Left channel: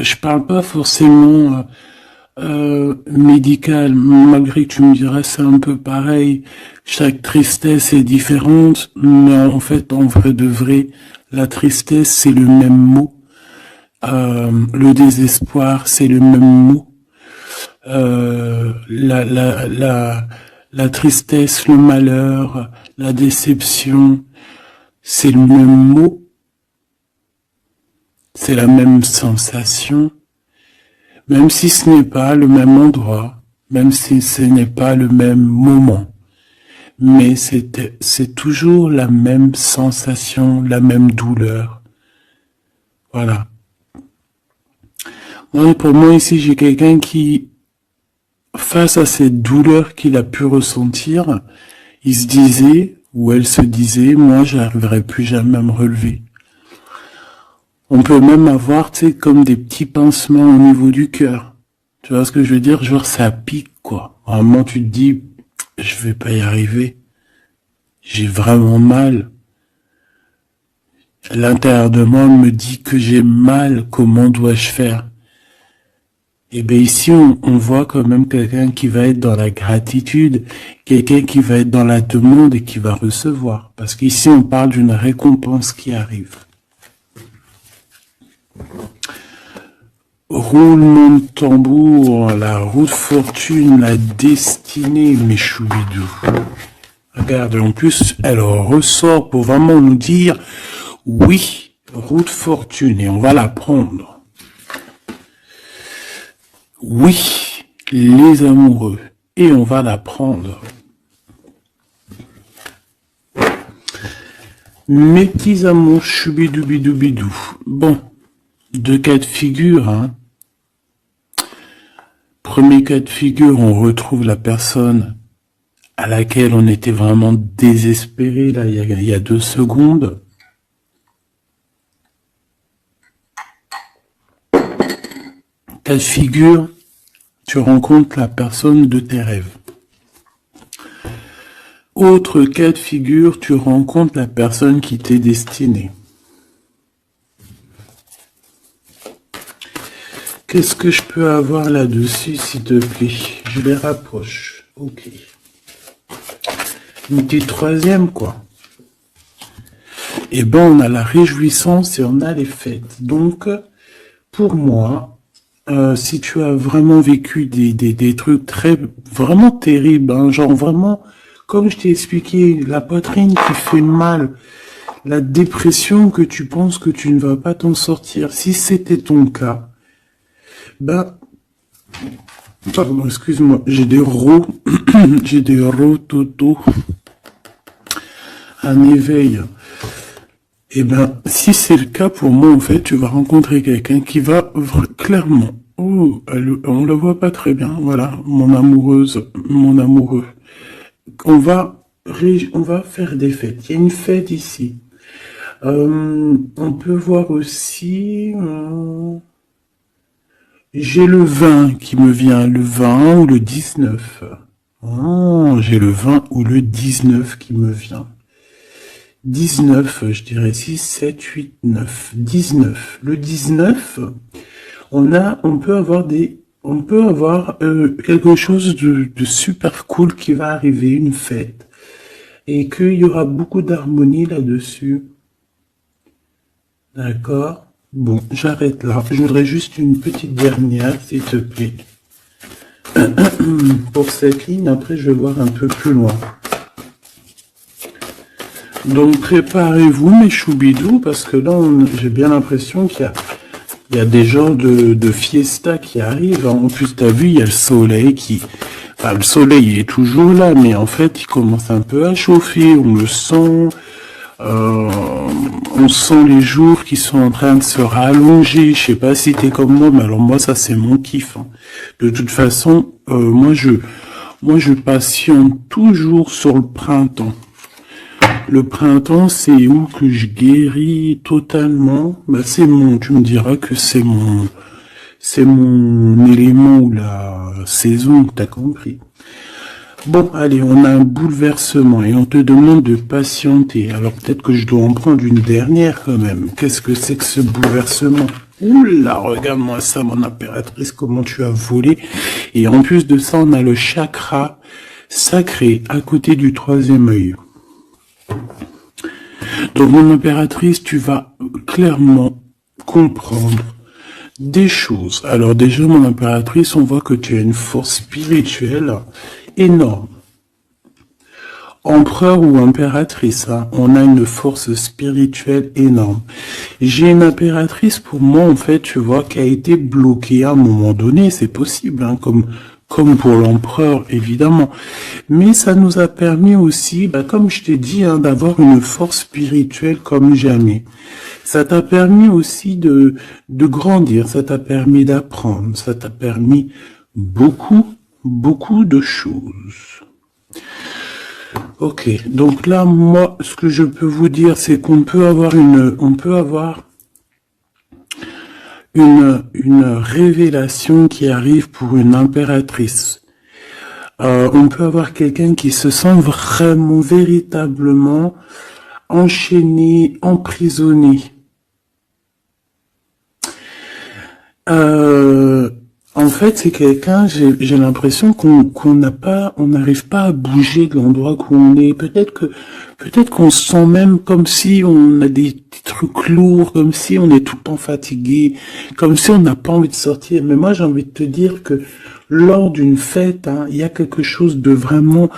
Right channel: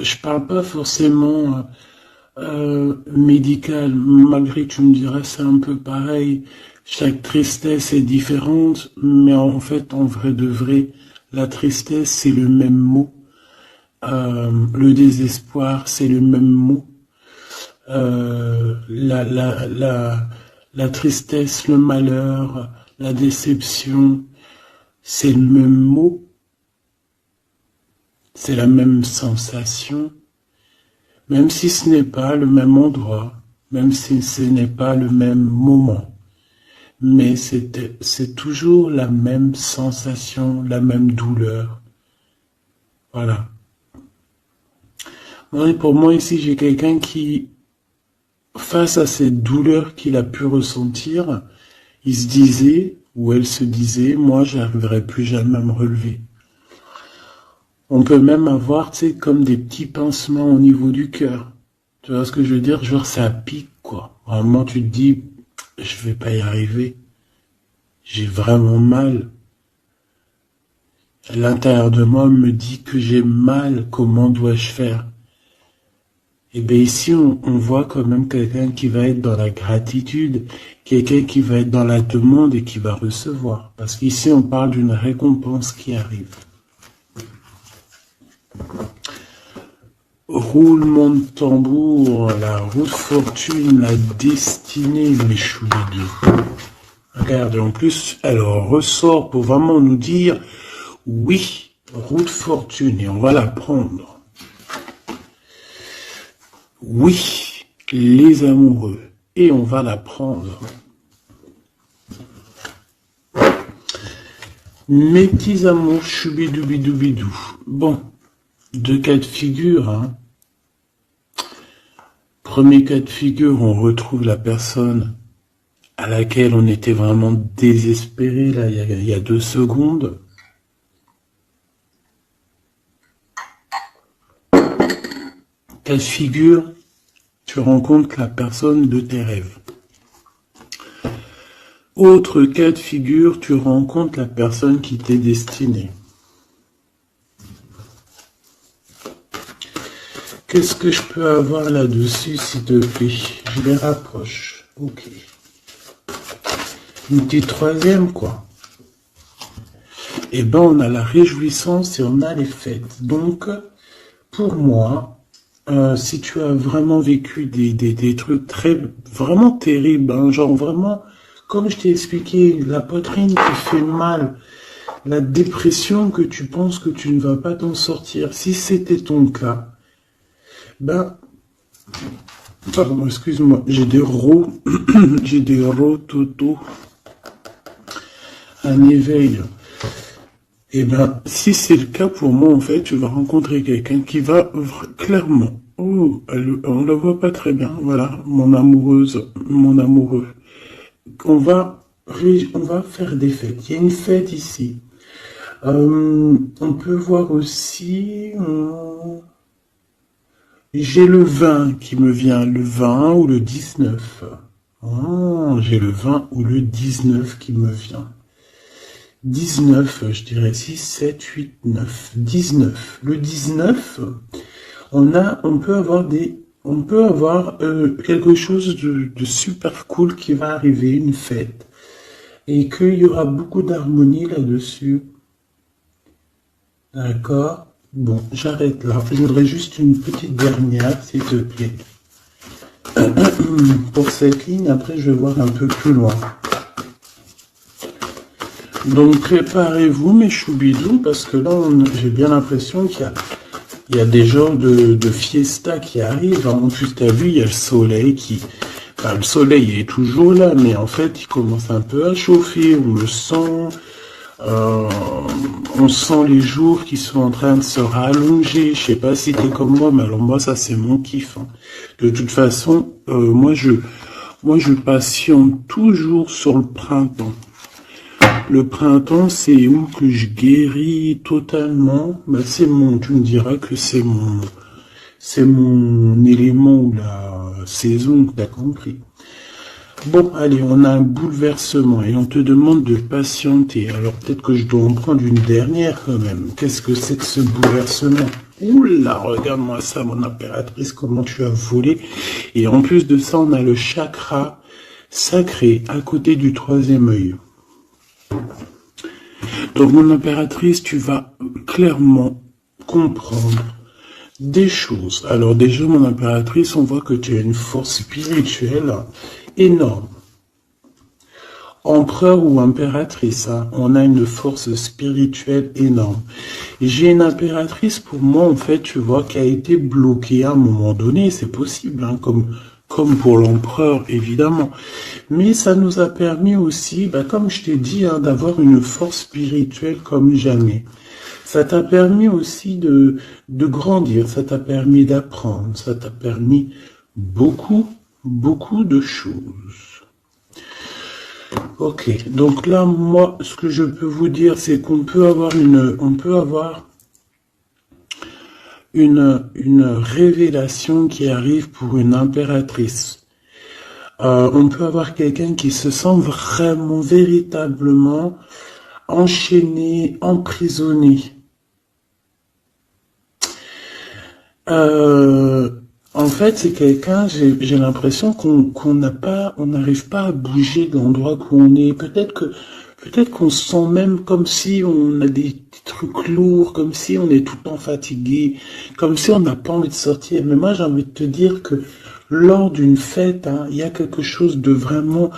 Je parle pas forcément médical, malgré que tu me dirais c'est un peu pareil. Chaque tristesse est différente, mais en fait, en vrai de vrai, la tristesse c'est le même mot. Le désespoir c'est le même mot. La tristesse, le malheur, la déception, c'est le même mot, c'est la même sensation, même si ce n'est pas le même endroit, même si ce n'est pas le même moment. Mais c'est toujours la même sensation, la même douleur. Voilà. Ouais, pour moi ici, j'ai quelqu'un qui, face à cette douleur qu'il a pu ressentir, il se disait, ou elle se disait, moi, j'arriverai plus jamais à me relever. On peut même avoir, tu sais, comme des petits pincements au niveau du cœur. Tu vois ce que je veux dire? Genre, ça pique, quoi. À un moment, tu te dis, je vais pas y arriver. J'ai vraiment mal. L'intérieur de moi me dit que j'ai mal. Comment dois-je faire? Et bien ici, on voit quand même quelqu'un qui va être dans la gratitude, quelqu'un qui va être dans la demande et qui va recevoir. Parce qu'ici, on parle d'une récompense qui arrive. Roulement de tambour, la roue de fortune, la destinée, mes choubidous. Regarde, en plus, elle ressort pour vraiment nous dire, oui, roue de fortune, et on va la prendre. Oui, les amoureux, et on va la prendre. Mes petits amours, choubidoubidoubidou. Bon, deux cas de figure, hein. Premier cas de figure, on retrouve la personne à laquelle on était vraiment désespéré, là, il y a 2 secondes. Cas de figure, tu rencontres la personne de tes rêves. Autre cas de figure, tu rencontres la personne qui t'est destinée. Qu'est-ce que je peux avoir là-dessus, s'il te plaît? Je les rapproche. Ok. Une petite troisième, quoi. Eh ben, on a la réjouissance et on a les fêtes. Donc, pour moi, si tu as vraiment vécu des trucs vraiment terribles, hein, genre vraiment, comme je t'ai expliqué, la poitrine qui fait mal, la dépression que tu penses que tu ne vas pas t'en sortir, si c'était ton cas, ben, pardon, excuse-moi, j'ai des rototo, un éveil. Eh ben, si c'est le cas pour moi, en fait, tu vas rencontrer quelqu'un qui va clairement, oh, on le voit pas très bien, voilà, mon amoureuse, mon amoureux. On va faire des fêtes. Il y a une fête ici. On peut voir aussi, j'ai le 20 qui me vient, le 20 ou le 19. Oh, j'ai le 20 ou le 19 qui me vient. 19, je dirais 6, 7, 8, 9. 19. Le 19, on peut avoir quelque chose de super cool qui va arriver, une fête. Et qu'il y aura beaucoup d'harmonie là-dessus. D'accord? Bon, j'arrête là. Je voudrais juste une petite dernière, s'il te plaît. Pour cette ligne, après je vais voir un peu plus loin. Donc préparez-vous mes choubidous, parce que là, j'ai bien l'impression qu'il y a des genres de fiesta qui arrivent. En plus, t'as vu, il y a le soleil qui... Enfin, le soleil est toujours là, mais en fait, il commence un peu à chauffer, on le sent... on sent les jours qui sont en train de se rallonger. Je sais pas si t'es comme moi, mais alors moi, ça, c'est mon kiff. Hein. De toute façon, moi, je patiente toujours sur le printemps. Le printemps, c'est où que je guéris totalement. Bah, tu me diras que c'est mon élément ou la saison, t'as compris. Bon, allez, on a un bouleversement et on te demande de patienter. Alors peut-être que je dois en prendre une dernière quand même. Qu'est-ce que c'est que ce bouleversement? Oula, regarde-moi ça, mon impératrice, comment tu as volé. Et en plus de ça, on a le chakra sacré à côté du troisième œil. Donc, mon impératrice, tu vas clairement comprendre des choses. Alors déjà, mon impératrice, on voit que tu as une force spirituelle énorme. Empereur ou impératrice, hein, on a une force spirituelle énorme. J'ai une impératrice, pour moi, en fait, tu vois, qui a été bloquée à un moment donné, c'est possible, hein, comme pour l'empereur, évidemment. Mais ça nous a permis aussi, comme je t'ai dit, hein, d'avoir une force spirituelle comme jamais. Ça t'a permis aussi de grandir, ça t'a permis d'apprendre, ça t'a permis beaucoup, beaucoup de choses. Ok, donc là, moi, ce que je peux vous dire, c'est qu'on peut avoir une révélation qui arrive pour une impératrice. On peut avoir quelqu'un qui se sent vraiment, véritablement enchaîné, emprisonné. En fait, c'est quelqu'un, j'ai l'impression qu'on n'arrive pas à bouger de l'endroit où on est. Peut-être qu'on se sent même comme si on a des trucs lourds, comme si on est tout le temps fatigué, comme si on n'a pas envie de sortir. Mais moi, j'ai envie de te dire que lors d'une fête, hein, il y a quelque chose de vraiment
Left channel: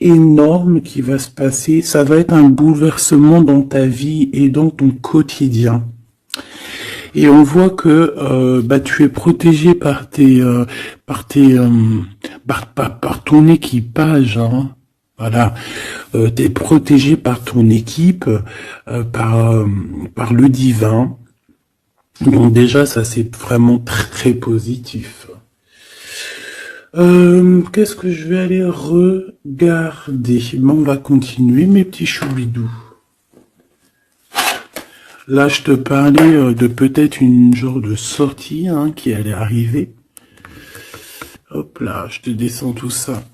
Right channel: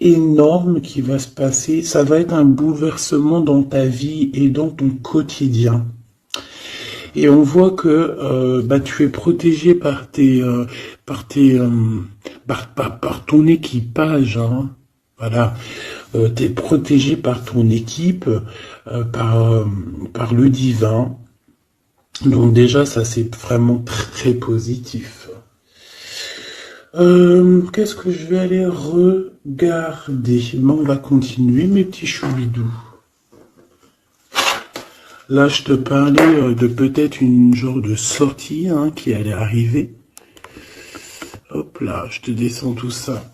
énorme qui va se passer. Ça va être un bouleversement dans ta vie et dans ton quotidien. Et on voit que tu es protégé par ton équipage, hein. Voilà, tu es protégé par ton équipe, par le divin. Donc déjà, ça c'est vraiment très positif. Qu'est-ce que je vais aller regarder? Bon, on va continuer, mes petits choubidous. Là, je te parlais de peut-être une genre de sortie hein, qui allait arriver. Hop là, je te descends tout ça.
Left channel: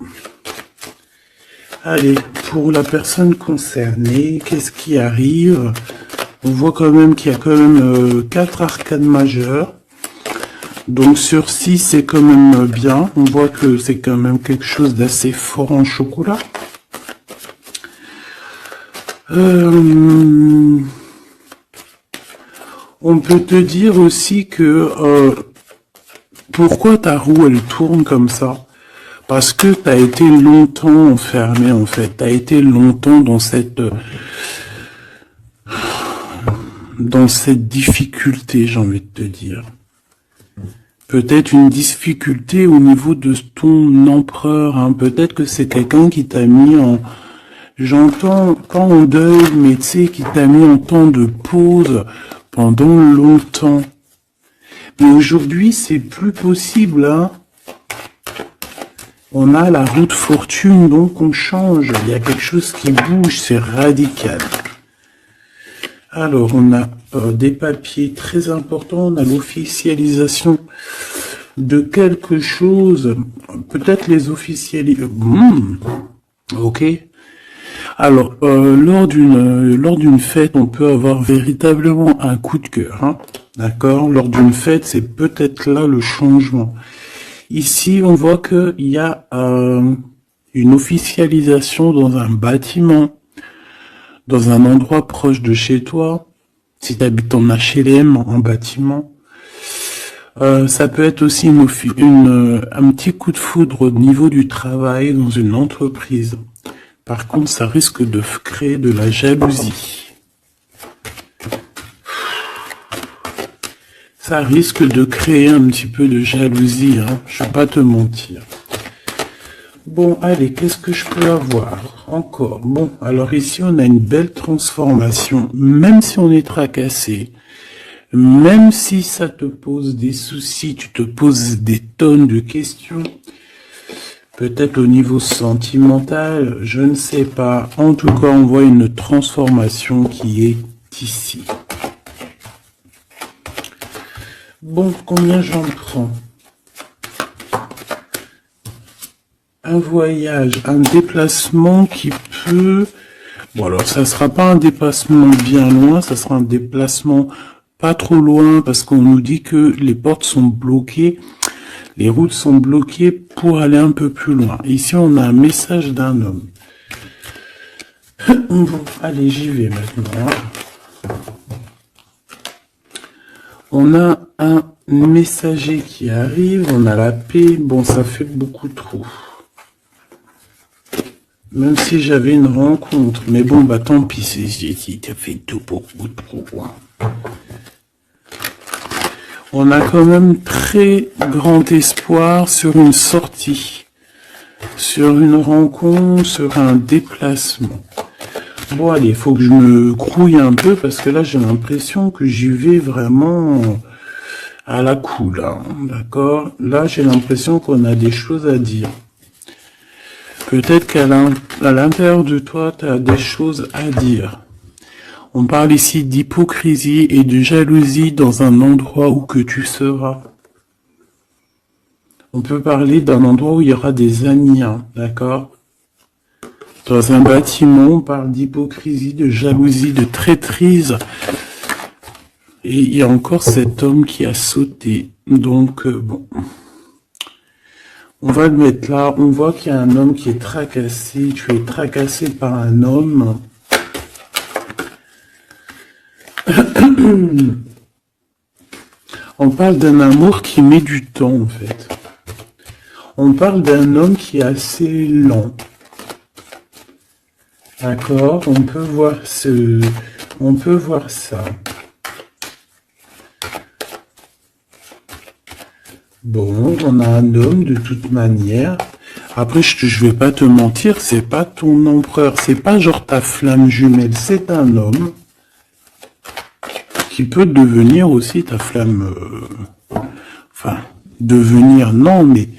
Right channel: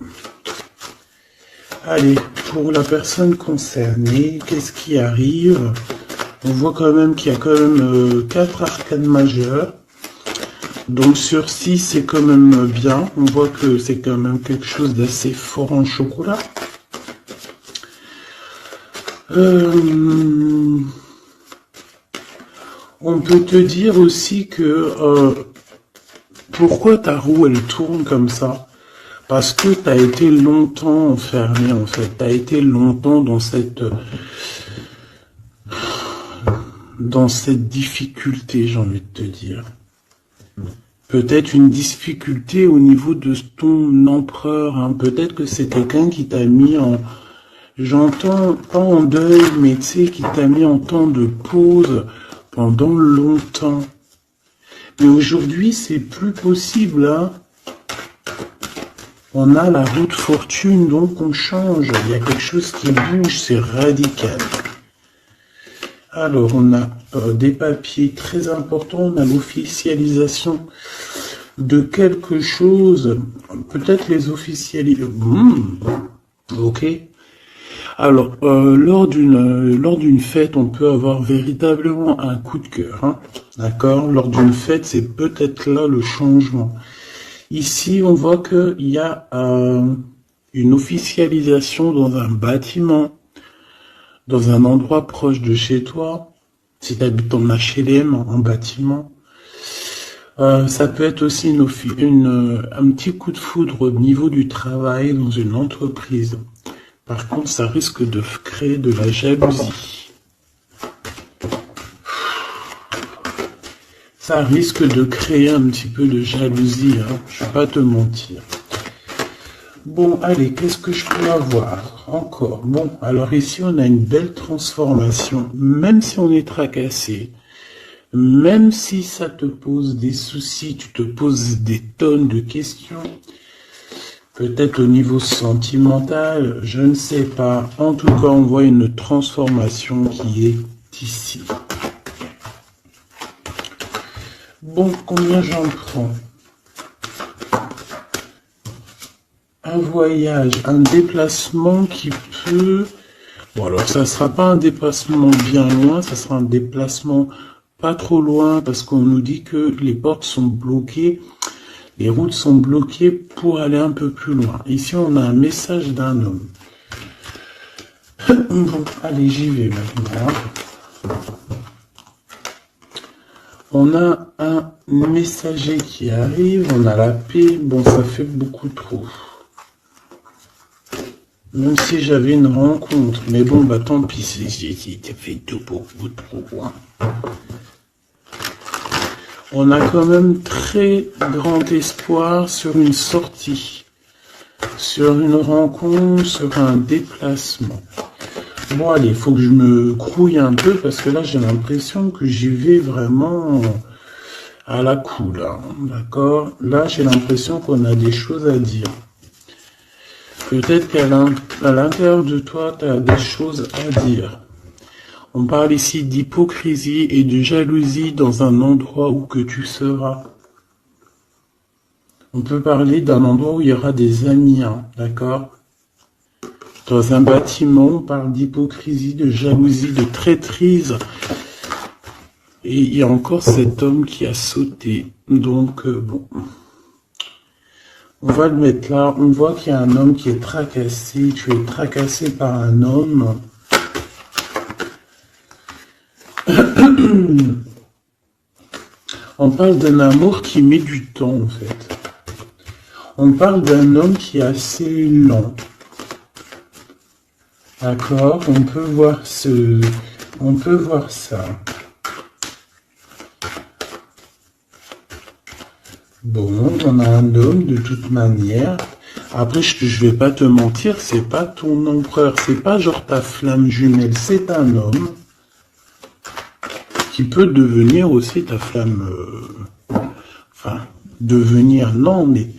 Allez, pour la personne concernée, qu'est-ce qui arrive? On voit quand même qu'il y a quand même 4 arcanes majeures. Donc sur 6, c'est quand même bien. On voit que c'est quand même quelque chose d'assez fort en chocolat. On peut te dire aussi que pourquoi ta roue elle tourne comme ça? Parce que tu as été longtemps enfermé en fait. Tu as été longtemps dans cette difficulté, j'ai envie de te dire. Peut-être une difficulté au niveau de ton empereur. Hein. Peut-être que c'est quelqu'un qui t'a mis en... J'entends pas en deuil, mais tu sais, qui t'a mis en temps de pause pendant longtemps. Mais aujourd'hui, c'est plus possible, hein. On a la roue de fortune, donc on change. Il y a quelque chose qui bouge, c'est radical. Alors, on a des papiers très importants, on a l'officialisation de quelque chose. Peut-être les officialiser. Ok. Alors, lors d'une fête, on peut avoir véritablement un coup de cœur. Hein, d'accord? Lors d'une fête, c'est peut-être là le changement. Ici, on voit qu'il y a une officialisation dans un bâtiment, dans un endroit proche de chez toi. Si tu habites en HLM, un bâtiment. Ça peut être aussi un petit coup de foudre au niveau du travail dans une entreprise. Par contre, ça risque de créer de la jalousie. Ça risque de créer un petit peu de jalousie, hein. Je ne vais pas te mentir. Bon, allez, qu'est-ce que je peux avoir encore? Bon, alors ici, on a une belle transformation. Même si on est tracassé, même si ça te pose des soucis, tu te poses des tonnes de questions, peut-être au niveau sentimental, je ne sais pas. En tout cas, on voit une transformation qui est ici. Bon, combien j'en prends? un voyage, un déplacement qui peut... Bon, alors ça sera pas un déplacement bien loin, ça sera un déplacement pas trop loin, parce qu'on nous dit que les portes sont bloquées, les routes sont bloquées pour aller un peu plus loin. Ici, on a un message d'un homme. Bon, allez, j'y vais maintenant. On a un messager qui arrive, on a la paix, bon, ça fait beaucoup trop. Même si j'avais une rencontre, mais bon, bah tant pis, ça fait tout pour vous trop. On a quand même très grand espoir sur une sortie, sur une rencontre, sur un déplacement. Bon, allez, il faut que je me grouille un peu, parce que là, j'ai l'impression que j'y vais vraiment à la cool, hein, d'accord? Là, j'ai l'impression qu'on a des choses à dire. Peut-être qu'à l'intérieur de toi, tu as des choses à dire. On parle ici d'hypocrisie et de jalousie dans un endroit où que tu seras. On peut parler d'un endroit où il y aura des amis, hein, d'accord? Dans un bâtiment, on parle d'hypocrisie, de jalousie, de traîtrise. Et il y a encore cet homme qui a sauté. Donc, bon. On va le mettre là. On voit qu'il y a un homme qui est tracassé. Tu es tracassé par un homme. On parle d'un amour qui met du temps, en fait. On parle d'un homme qui est assez lent. D'accord, on peut voir ça. Bon, on a un homme de toute manière. Après, je vais pas te mentir, c'est pas ton empereur, c'est pas genre ta flamme jumelle, c'est un homme qui peut devenir aussi ta flamme. Enfin, devenir non, mais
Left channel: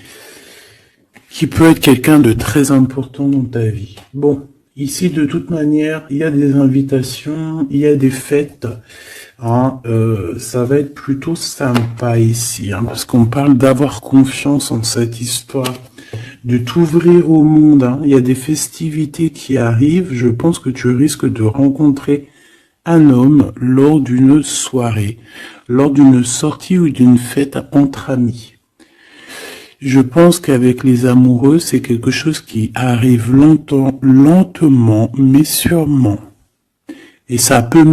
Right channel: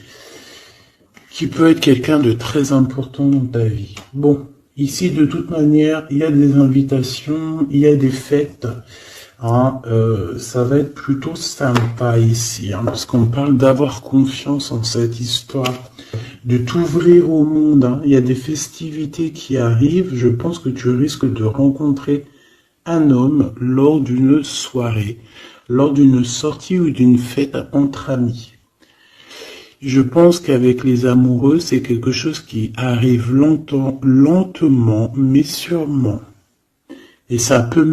qui peut être quelqu'un de très important dans ta vie. Bon. Ici, de toute manière, il y a des invitations, il y a des fêtes. Hein, ça va être plutôt sympa ici, hein, parce qu'on parle d'avoir confiance en cette histoire, de t'ouvrir au monde. Hein. Il y a des festivités qui arrivent. Je pense que tu risques de rencontrer un homme lors d'une soirée, lors d'une sortie ou d'une fête entre amis. Je pense qu'avec les amoureux, c'est quelque chose qui arrive lentement, mais sûrement. Et ça a pu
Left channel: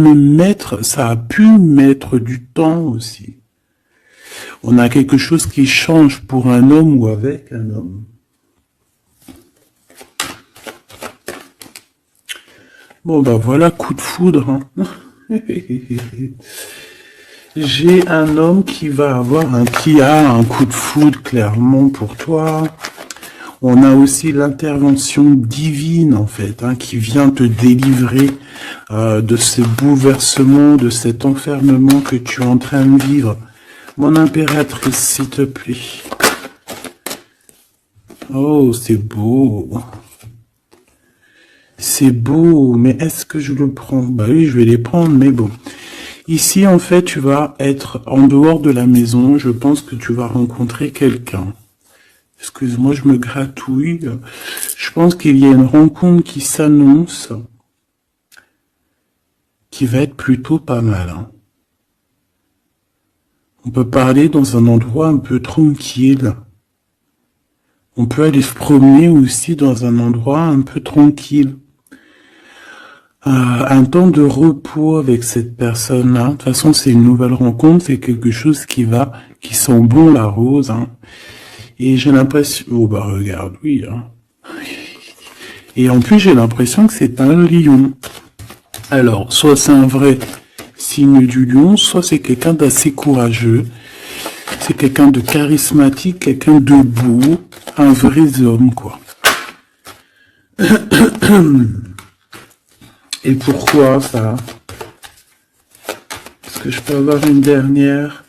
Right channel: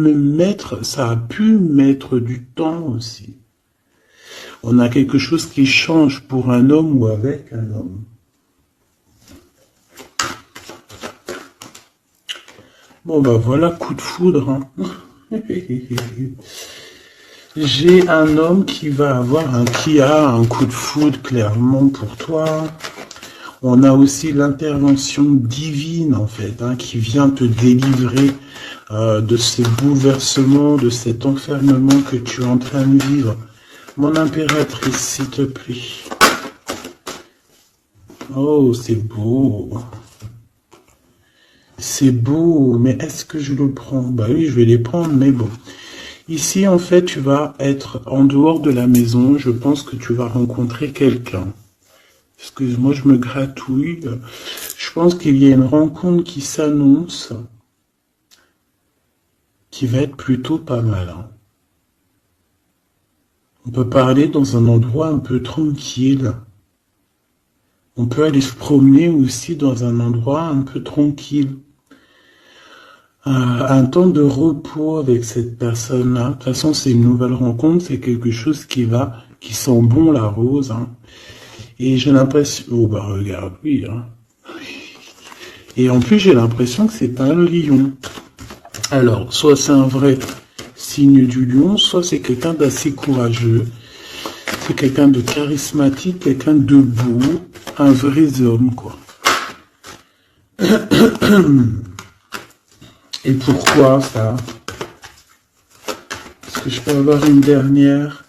mettre du temps aussi. On a quelque chose qui change pour un homme ou avec un homme. Bon ben voilà, coup de foudre. Hein. J'ai un homme qui a un coup de foudre clairement pour toi. On a aussi l'intervention divine en fait, hein, qui vient te délivrer de ce bouleversement, de cet enfermement que tu es en train de vivre. Mon impératrice, s'il te plaît. Oh, c'est beau. C'est beau, mais est-ce que je le prends? Bah oui, je vais les prendre, mais bon. Ici, en fait, tu vas être en dehors de la maison. Je pense que tu vas rencontrer quelqu'un. Excuse-moi, je me gratouille. Je pense qu'il y a une rencontre qui s'annonce, qui va être plutôt pas mal. Hein. On peut parler dans un endroit un peu tranquille. On peut aller se promener aussi dans un endroit un peu tranquille. Un temps de repos avec cette personne-là. De toute façon, c'est une nouvelle rencontre, c'est quelque chose qui sent bon la rose. Hein. Et j'ai l'impression... Oh bah regarde, oui. Hein. Et en plus, j'ai l'impression que c'est un lion. Alors, soit c'est un vrai signe du lion, soit c'est quelqu'un d'assez courageux. C'est quelqu'un de charismatique, quelqu'un de beau, un vrai homme, quoi. Et pourquoi ça? Est-ce que je peux avoir une dernière?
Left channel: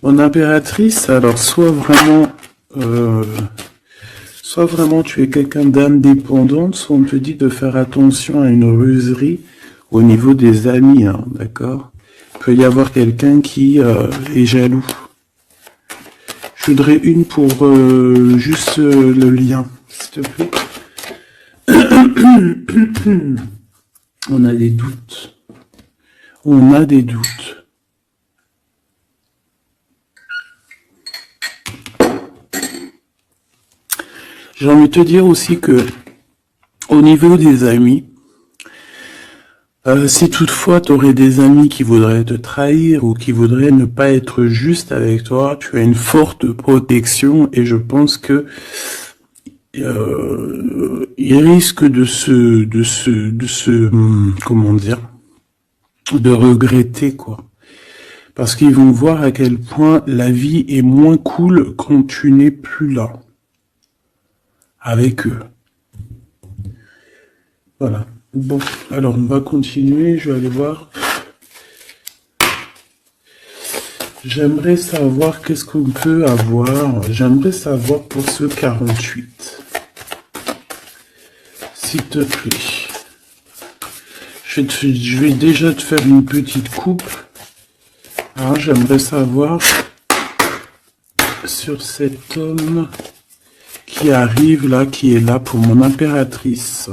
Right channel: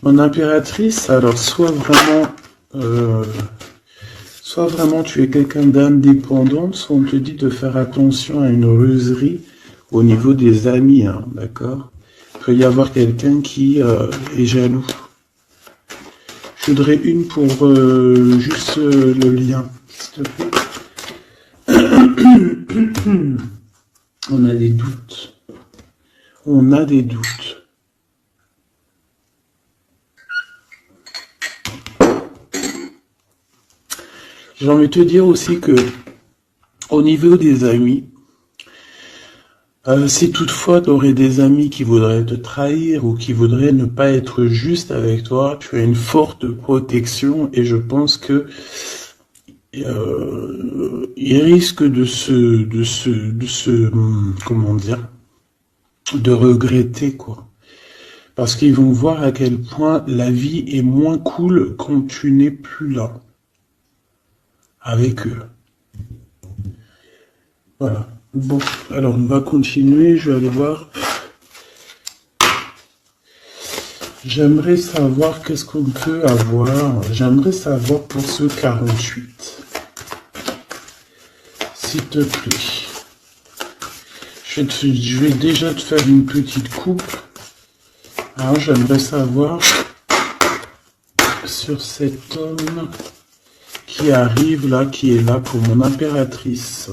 Mon impératrice, alors soit vraiment tu es quelqu'un d'indépendant, soit on te dit de faire attention à une ruserie au niveau des amis, hein, d'accord? Il peut y avoir quelqu'un qui est jaloux. Je voudrais une pour juste le lien, s'il te plaît. On a des doutes. On a des doutes. J'ai envie de te dire aussi que, au niveau des amis, si toutefois tu aurais des amis qui voudraient te trahir ou qui voudraient ne pas être juste avec toi, tu as une forte protection et je pense que il risque comment dire, de regretter quoi. Parce qu'ils vont voir à quel point la vie est moins cool quand tu n'es plus là avec eux. Voilà. Bon, alors on va continuer, je vais aller voir. J'aimerais savoir qu'est-ce qu'on peut avoir. J'aimerais savoir pour ce 48. S'il te plaît. Je vais déjà te faire une petite coupe. Alors j'aimerais savoir sur cet homme qui arrive là, qui est là pour mon impératrice.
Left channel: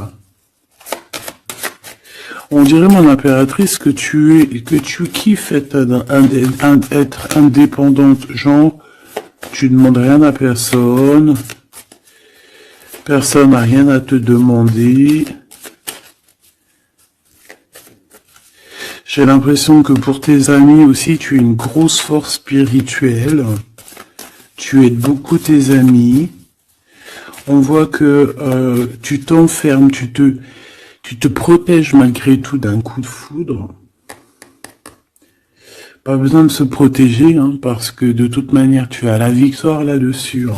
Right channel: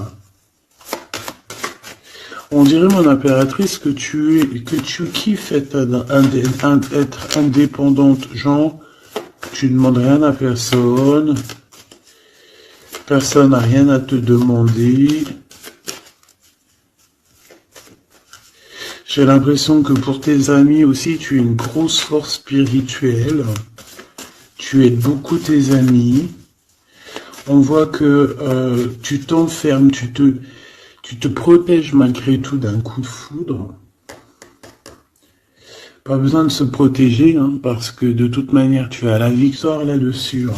On dirait, mon impératrice, que tu kiffes être indépendante. Genre, tu ne demandes rien à personne. Personne n'a rien à te demander. J'ai l'impression que pour tes amis aussi, tu es une grosse force spirituelle. Tu aides beaucoup tes amis. On voit que tu t'enfermes, tu te protèges malgré tout d'un coup de foudre. Pas besoin de se protéger, hein, parce que de toute manière, tu as la victoire là-dessus. Hein.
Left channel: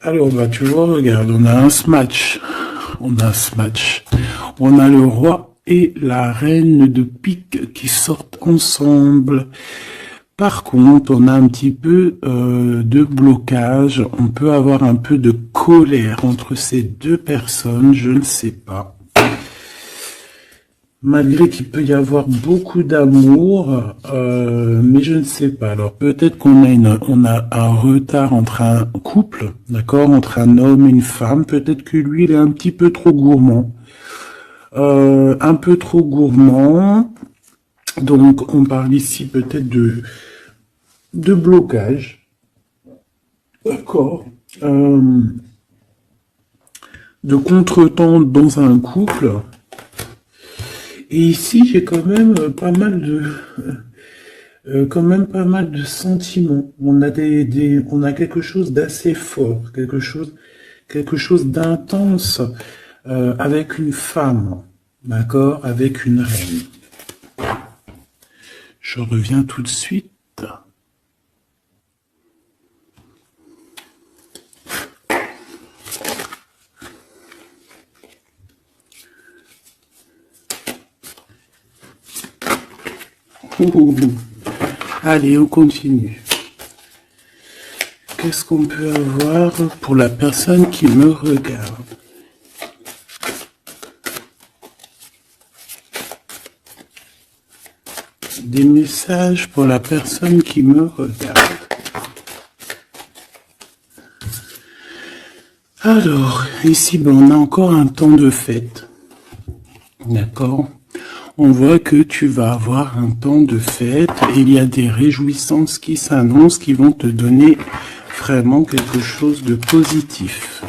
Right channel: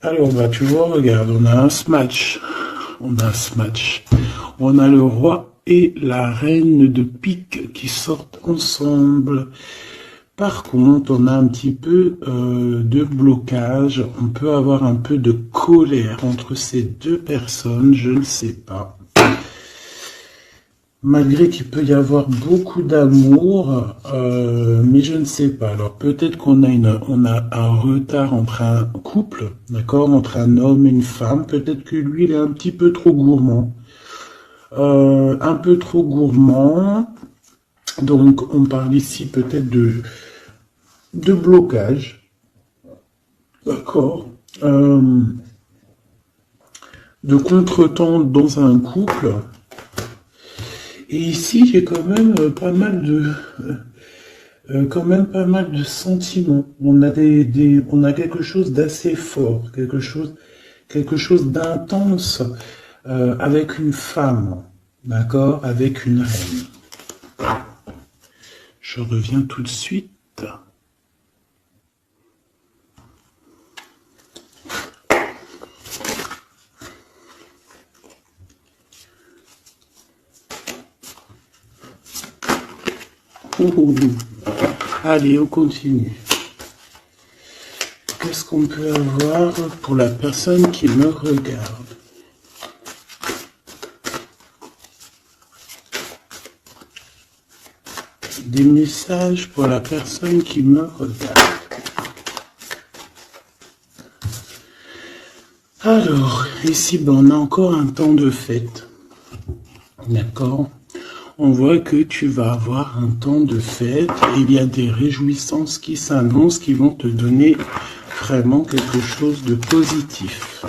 Alors, bah, tu vois, regarde, on a un smash. On a un smash. On a le roi et la reine de pique qui sortent ensemble. Par contre, on a un petit peu de blocage, on peut avoir un peu de colère entre ces deux personnes, je ne sais pas. Malgré qu'il peut y avoir beaucoup d'amour, mais je ne sais pas. Alors peut-être qu'on a un retard entre un couple, d'accord, entre un homme et une femme. Peut-être que lui, il est un petit peu trop gourmand. Un peu trop gourmand. Donc, on parle ici peut-être de blocage, d'accord, de contretemps dans un couple. Et ici, j'ai quand même pas mal de sentiments. On a on a quelque chose d'assez fort, quelque chose d'intense avec une femme, d'accord, avec une reine. Je reviens tout de suite. Allez, on continue. Qu'est-ce qu'on peut avoir pour la personne qui me regarde? Des messages pour la personne qui me regarde. Alors, ici, on a encore un temps de fête. D'accord? On voit que tu vas avoir un temps de fête et il y a des réjouissances qui s'annoncent, qui vont te donner vraiment quelque chose de positif.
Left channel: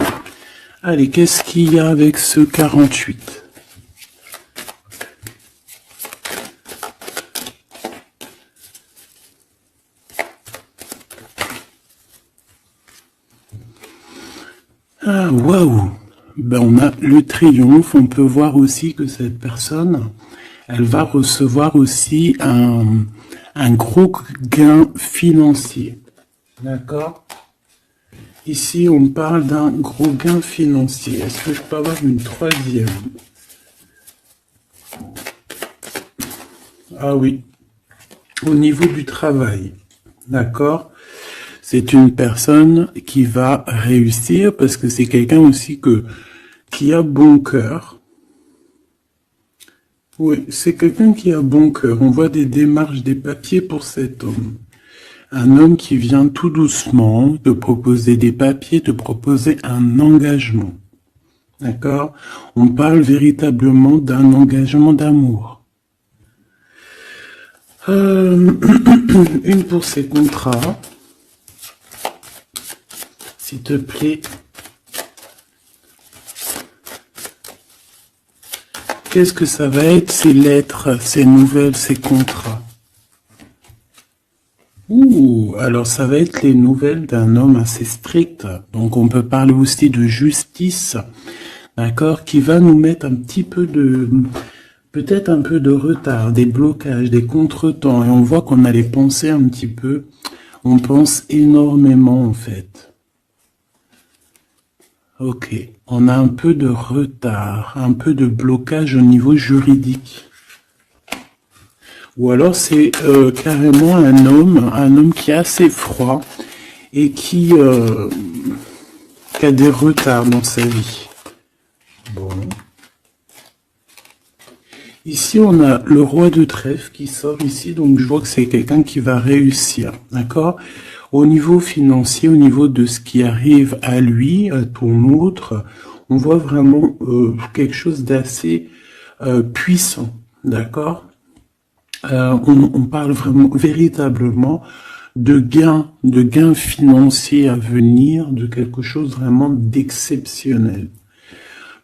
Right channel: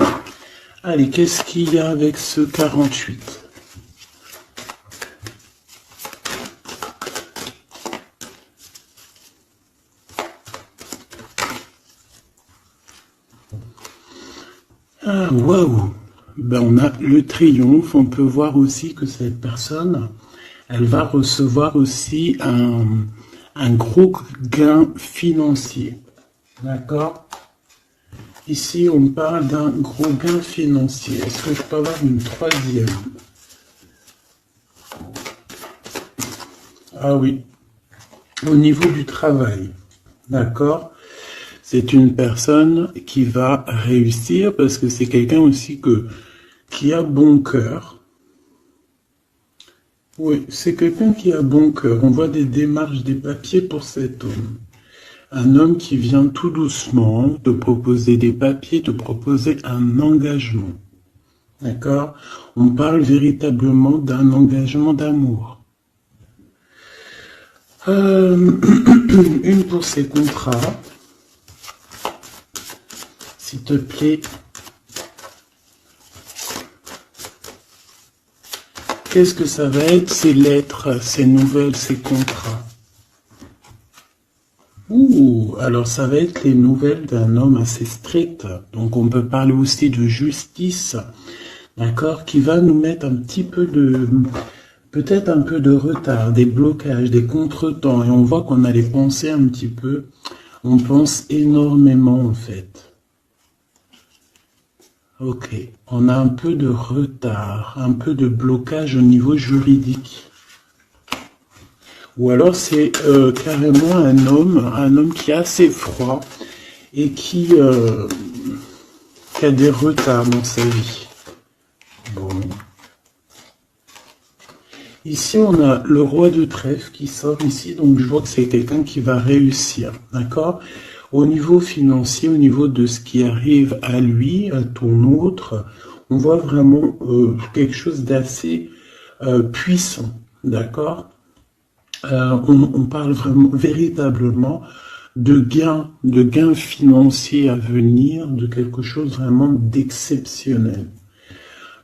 Allez, qu'est-ce qu'il y a avec ce 48? Ah, waouh! Ben, on a le triomphe. On peut voir aussi que cette personne, elle va recevoir aussi un gros gain financier. D'accord? Ici, on parle d'un gros gain financier. Est-ce que je peux avoir une troisième? Ah oui. Au niveau du travail. D'accord? C'est une personne qui va réussir parce que c'est quelqu'un aussi qui a bon cœur. Oui, c'est quelqu'un qui a bon cœur. On voit des démarches, des papiers pour cet homme. Un homme qui vient tout doucement te proposer des papiers, te proposer un engagement. D'accord? On parle véritablement d'un engagement d'amour. Une pour ces contrats, s'il te plaît. Qu'est-ce que ça va être, ces lettres, ces nouvelles, ces contrats? Ouh, alors ça va être les nouvelles d'un homme assez strict. Donc on peut parler aussi de justice, d'accord, qui va nous mettre un petit peu de, peut-être un peu de retard, des blocages, des contretemps. Et on voit qu'on a les pensées un petit peu. On pense énormément en fait. Ok, on a un peu de retard, un peu de blocage au niveau juridique. Ou alors c'est carrément un homme qui est assez froid et qui a des retards dans sa vie. Bon. Ici, on a le roi de trèfle qui sort ici, donc je vois que c'est quelqu'un qui va réussir, d'accord? Au niveau financier, au niveau de ce qui arrive à lui, ton autre, on voit vraiment quelque chose d'assez puissant, d'accord? On parle vraiment, véritablement de gains financiers à venir, de quelque chose vraiment d'exceptionnel.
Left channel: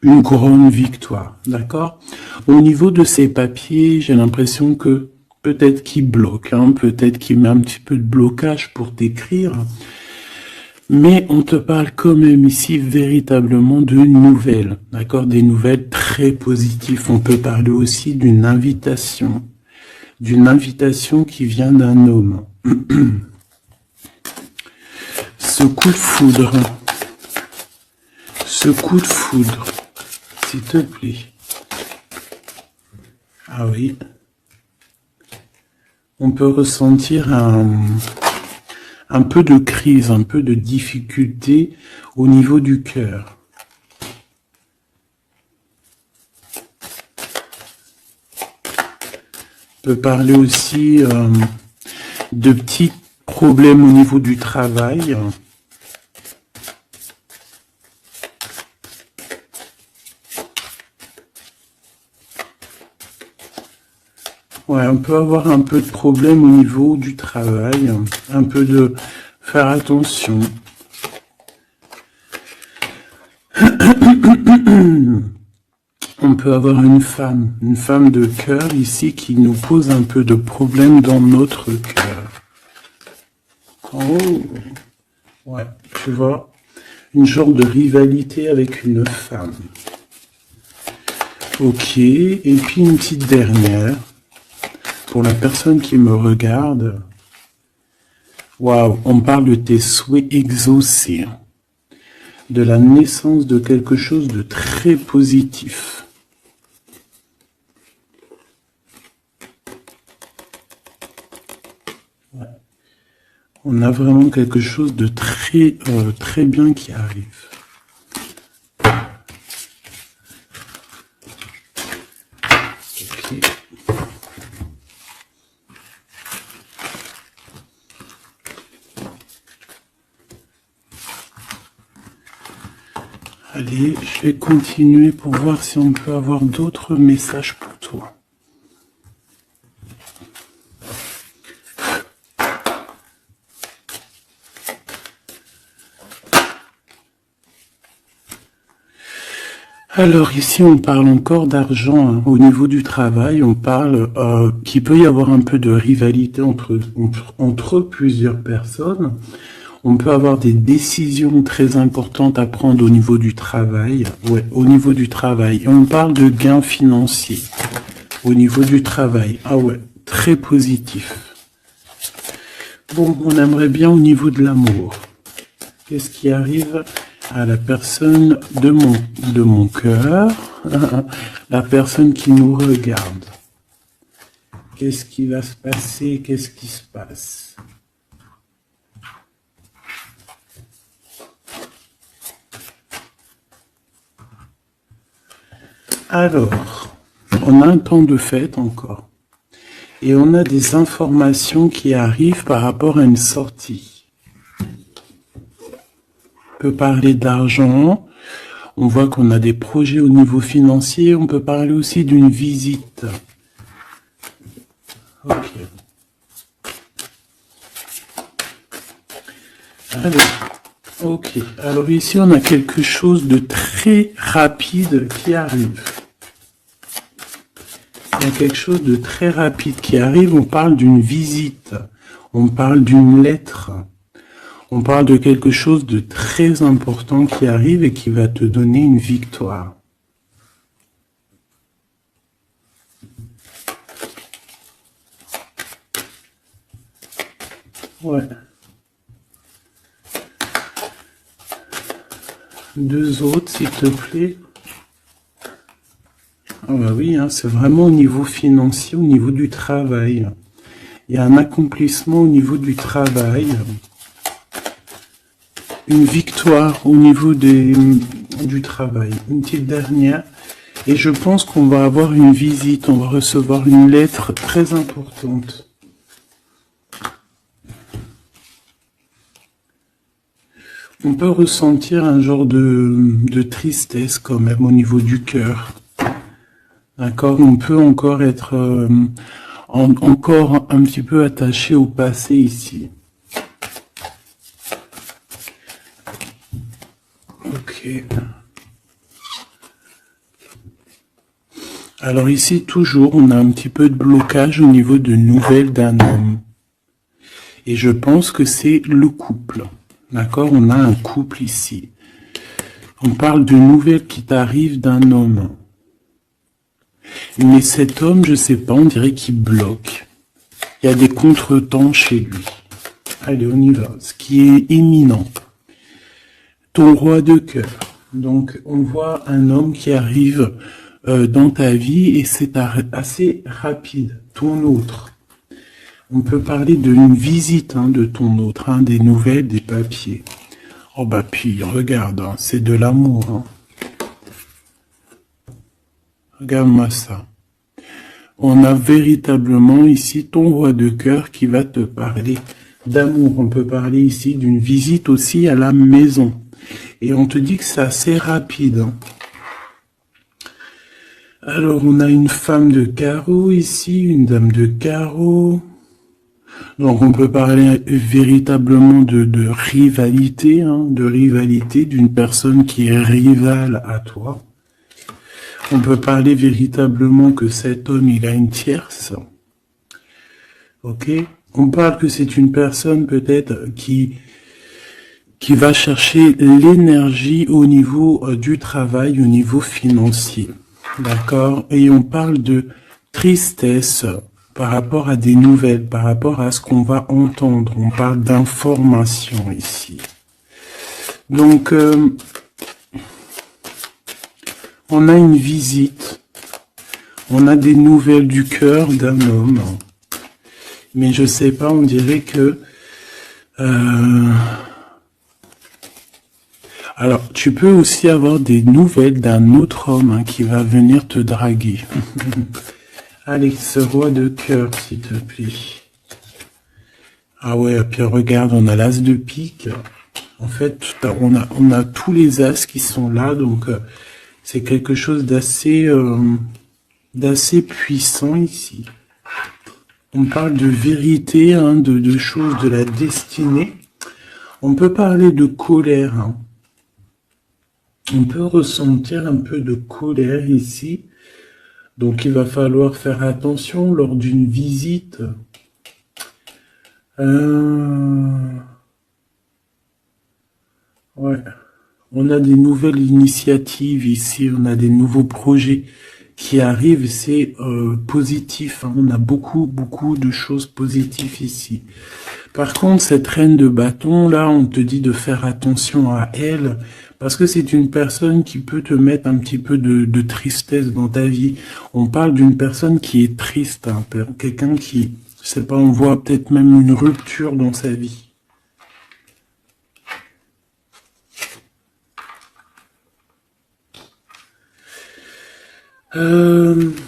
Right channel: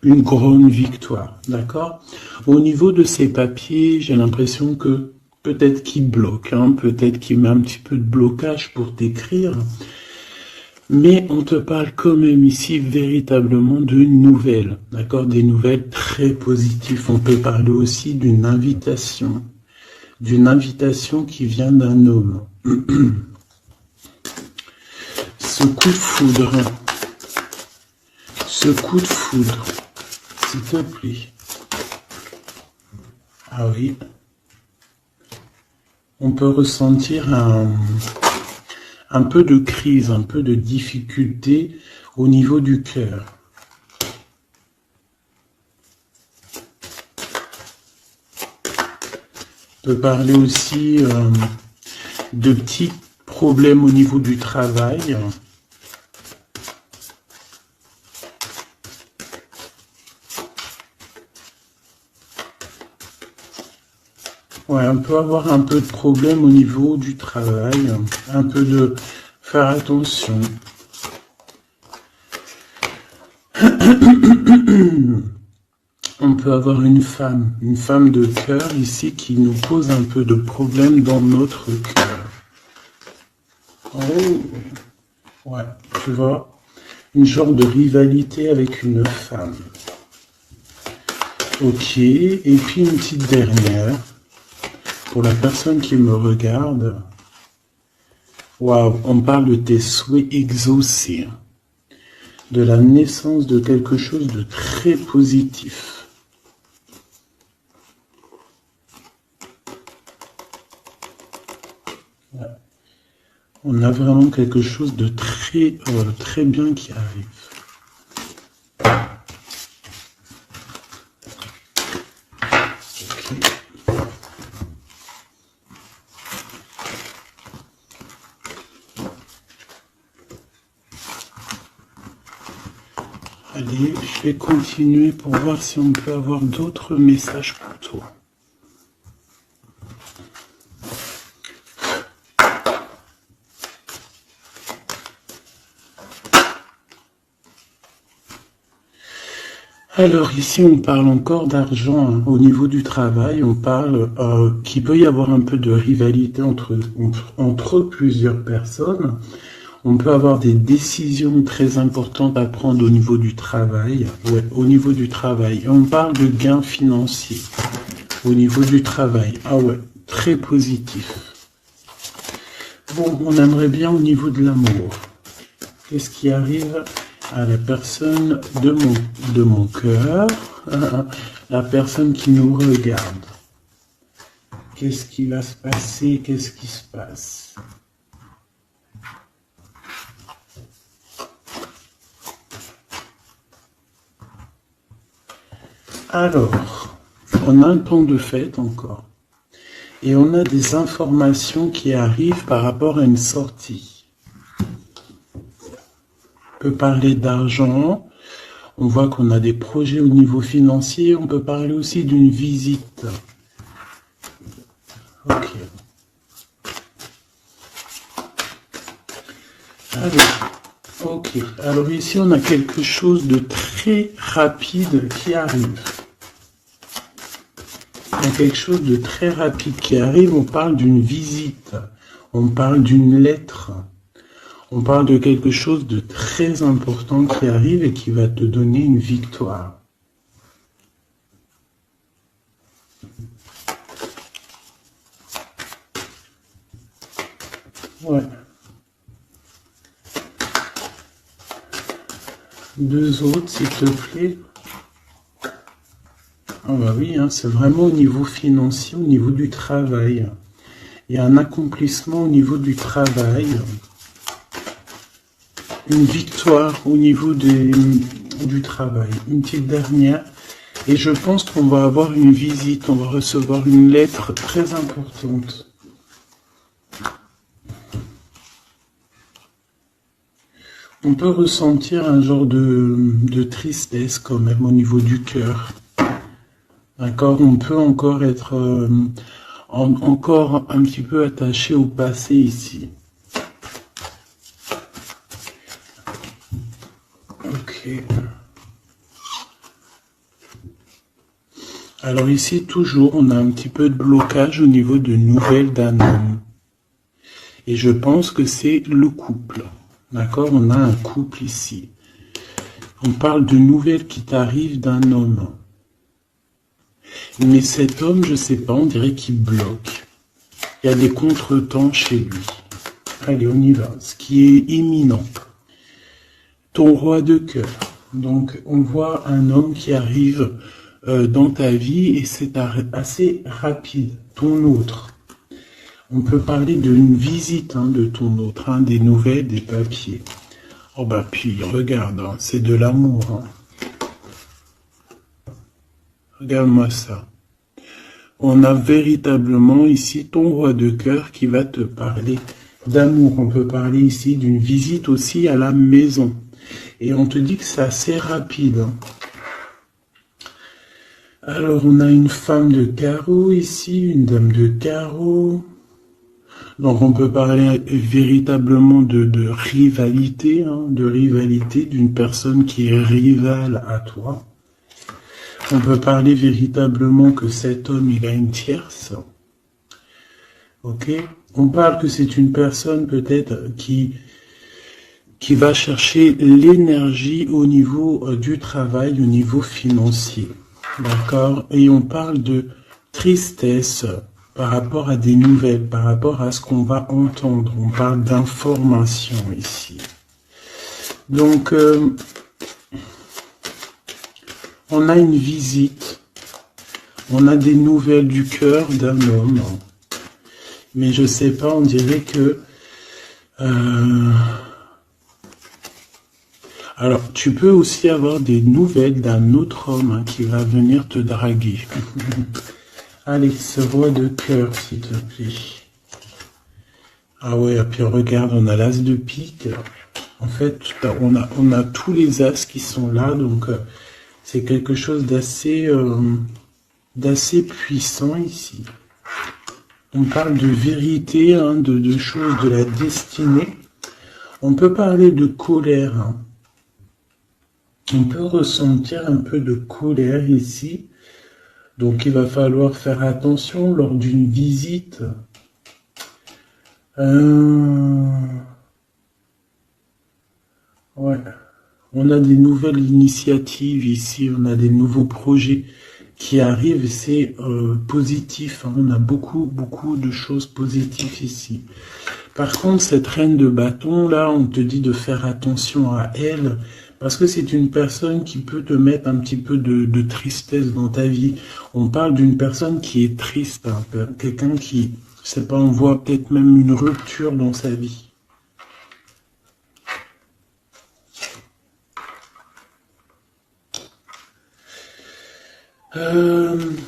Une couronne victoire, d'accord? Au niveau de ces papiers, j'ai l'impression que peut-être qu'il bloque, hein, peut-être qu'il met un petit peu de blocage pour t'écrire, mais on te parle quand même ici véritablement de nouvelles, d'accord? Des nouvelles très positives. On peut parler aussi d'une invitation qui vient d'un homme. Ce coup de foudre, s'il te plaît. Ah oui. On peut ressentir un peu de crise, un peu de difficulté au niveau du cœur. On peut parler aussi de petits problèmes au niveau du travail. Ouais, on peut avoir un peu de problème au niveau du travail, un peu de faire attention. On peut avoir une femme de cœur ici qui nous pose un peu de problème dans notre cœur. Oh, ouais, tu vois, une genre de rivalité avec une femme. Ok, et puis une petite dernière. Pour la personne qui me regarde, waouh, on parle de tes souhaits exaucés, de la naissance de quelque chose de très positif. Ouais. On a vraiment quelque chose de très, très bien qui arrive. Allez, je vais continuer pour voir si on peut avoir d'autres messages pour toi. Alors ici, on parle encore d'argent, hein. Au niveau du travail, on parle qu'il peut y avoir un peu de rivalité entre plusieurs personnes. On peut avoir des décisions très importantes à prendre au niveau du travail. Ouais, au niveau du travail. Et on parle de gains financiers au niveau du travail. Ah ouais, très positif. Bon, on aimerait bien au niveau de l'amour. Qu'est-ce qui arrive à la personne de mon cœur, la personne qui nous regarde? Qu'est-ce qui va se passer? Qu'est-ce qui se passe? Alors, On a un temps de fête encore. Et on a des informations qui arrivent par rapport à une sortie. On peut parler d'argent. On voit qu'on a des projets au niveau financier. On peut parler aussi d'une visite. Ok. Ok. Alors ici, on a quelque chose de très rapide qui arrive. Il y a quelque chose de très rapide qui arrive. On parle d'une visite. On parle d'une lettre. On parle de quelque chose de très important qui arrive et qui va te donner une victoire. Ouais. Deux autres, s'il te plaît. Ah bah oui, hein, c'est vraiment au niveau financier, au niveau du travail. Il y a un accomplissement au niveau du travail. Une victoire au niveau du travail. Une petite dernière. Et je pense qu'on va avoir une visite, on va recevoir une lettre très importante. On peut ressentir un genre de tristesse quand même au niveau du cœur. D'accord? On peut encore être encore un petit peu attaché au passé ici. Ok. Alors ici, toujours, on a un petit peu de blocage au niveau de nouvelles d'un homme. Et je pense que c'est le couple. D'accord? On a un couple ici. On parle de nouvelles qui t'arrivent d'un homme. Mais cet homme, je sais pas, on dirait qu'il bloque. Il y a des contretemps chez lui. Allez, on y va. Ce qui est imminent. Ton roi de cœur. Donc, on voit un homme qui arrive dans ta vie et c'est assez rapide. Ton autre. On peut parler d'une visite de ton autre, des nouvelles, des papiers. Oh bah puis, regarde, c'est de l'amour. Regarde-moi ça. On a véritablement ici ton roi de cœur qui va te parler d'amour. On peut parler ici d'une visite aussi à la maison. Et on te dit que c'est assez rapide. Alors, on a une femme de carreau ici, une dame de carreau. Donc, on peut parler véritablement de rivalité, d'une personne qui est rivale à toi. On peut parler véritablement que cet homme, il a une tierce. Ok? On parle que c'est une personne peut-être qui va chercher l'énergie au niveau du travail, au niveau financier. D'accord? Et on parle de tristesse par rapport à des nouvelles, par rapport à ce qu'on va entendre. On parle d'information ici. Donc, on a une visite. On a des nouvelles du cœur d'un homme. Mais je sais pas, on dirait que... Alors, tu peux aussi avoir des nouvelles d'un autre homme qui va venir te draguer. Alex, roi de cœur, s'il te plaît. Ah ouais, puis regarde, on a l'as de pique. En fait, on a tous les as qui sont là, donc c'est quelque chose d'assez puissant ici. On parle de vérité, de choses de la destinée. On peut parler de colère. On peut ressentir un peu de colère ici. Donc il va falloir faire attention lors d'une visite. Ouais. On a des nouvelles initiatives ici, on a des nouveaux projets qui arrivent, c'est positif. On a beaucoup de choses positives ici. Par contre, cette reine de bâton, là, on te dit de faire attention à elle, parce que c'est une personne qui peut te mettre un petit peu de tristesse dans ta vie. On parle d'une personne qui est triste, quelqu'un qui, je sais pas, on voit peut-être même une rupture dans sa vie.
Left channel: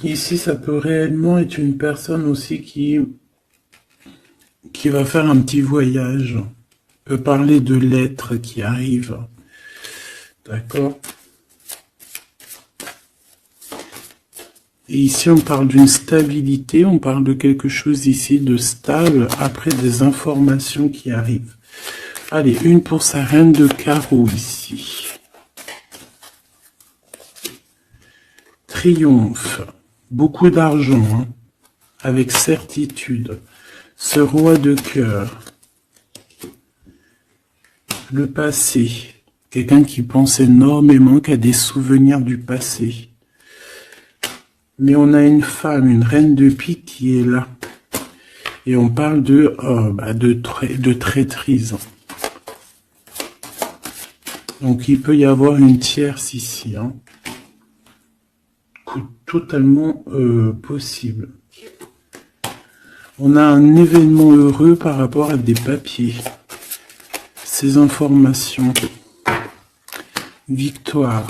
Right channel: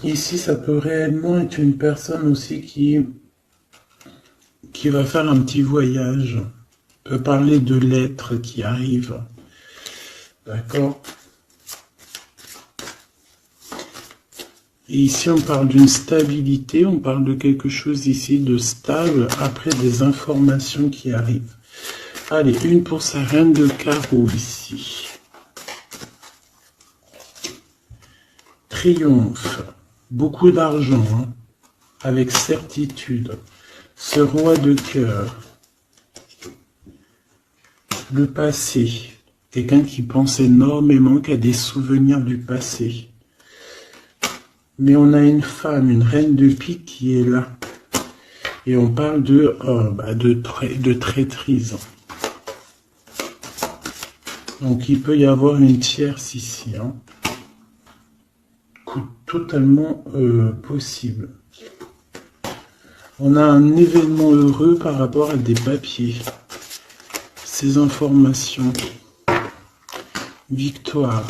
Ici, ça peut réellement être une personne aussi qui va faire un petit voyage. On peut parler de lettres qui arrivent. D'accord? Et ici, on parle d'une stabilité, on parle de quelque chose ici de stable, après des informations qui arrivent. Allez, une pour sa reine de carreau ici. Triomphe, beaucoup d'argent, hein, avec certitude. Ce roi de cœur, le passé, quelqu'un qui pense énormément, qui a des souvenirs du passé. Mais on a une femme, une reine de pique qui est là. Et on parle de traîtrise. Donc il peut y avoir une tierce ici, hein. Totalement possible. On a un événement heureux par rapport à des papiers. Ces informations. Victoire.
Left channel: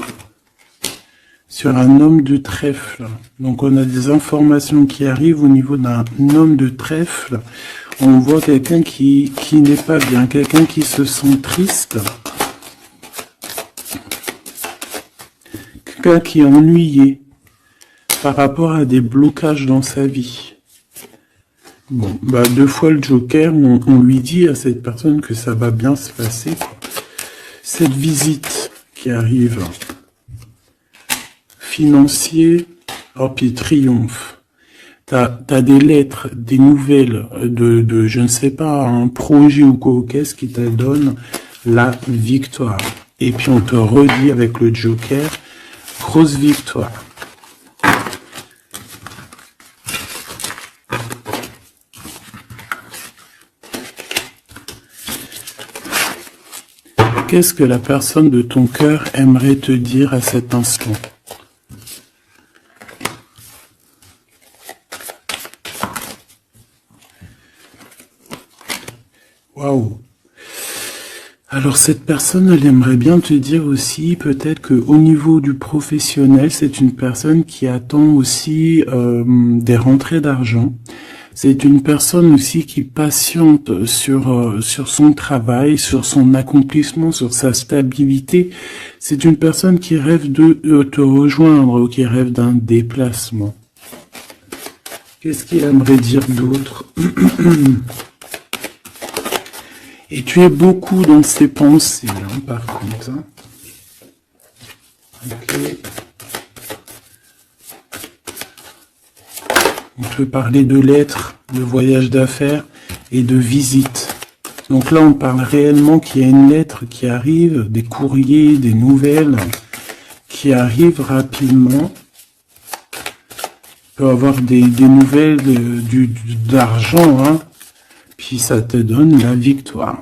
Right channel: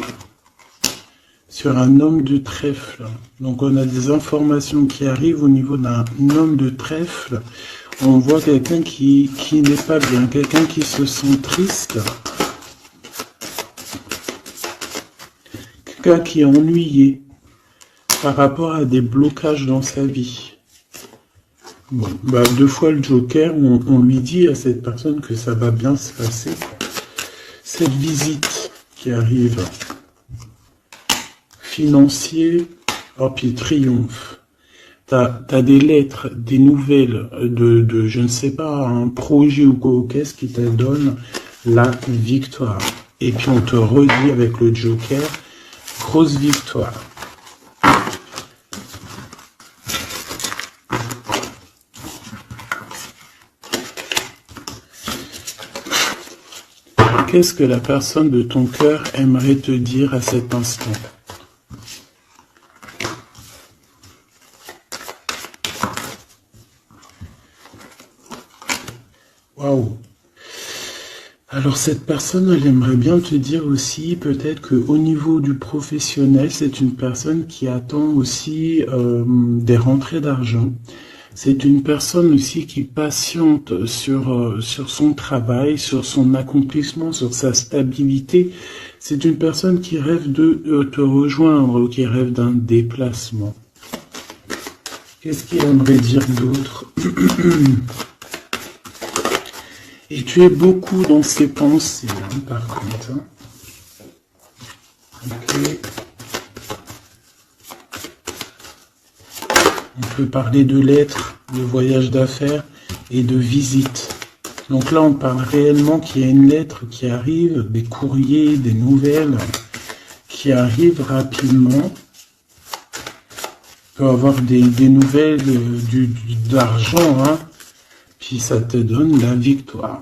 Sur un homme de trèfle. Donc on a des informations qui arrivent au niveau d'un homme de trèfle. On voit quelqu'un qui n'est pas bien, quelqu'un qui se sent triste. Quelqu'un qui est ennuyé par rapport à des blocages dans sa vie. Bon, deux fois le Joker, on lui dit à cette personne que ça va bien se passer. Cette visite qui arrive, financier, oh, puis triomphe. T'as des lettres, des nouvelles de je ne sais pas, un projet ou quoi, qu'est-ce qui te donne la victoire. Et puis on te redit avec le Joker, grosse victoire. Qu'est-ce que la personne de ton cœur aimerait te dire à cet instant? Waouh! Alors cette personne, elle aimerait bien te dire aussi, peut-être qu'au niveau du professionnel, c'est une personne qui attend aussi des rentrées d'argent. C'est une personne aussi qui patiente sur son travail, sur son accomplissement, sur sa stabilité. C'est une personne qui rêve de te rejoindre, qui rêve d'un déplacement. Qu'est-ce qu'il aimerait dire d'autre? Et tu es beaucoup dans ses pensées, hein, par contre. Hein. Okay. On peut parler de lettres, de voyage d'affaires et de visites. Donc là, on parle réellement qu'il y a une lettre qui arrive, des courriers, des nouvelles qui arrivent rapidement. Tu peux avoir des nouvelles d'argent, hein, puis ça te donne la victoire.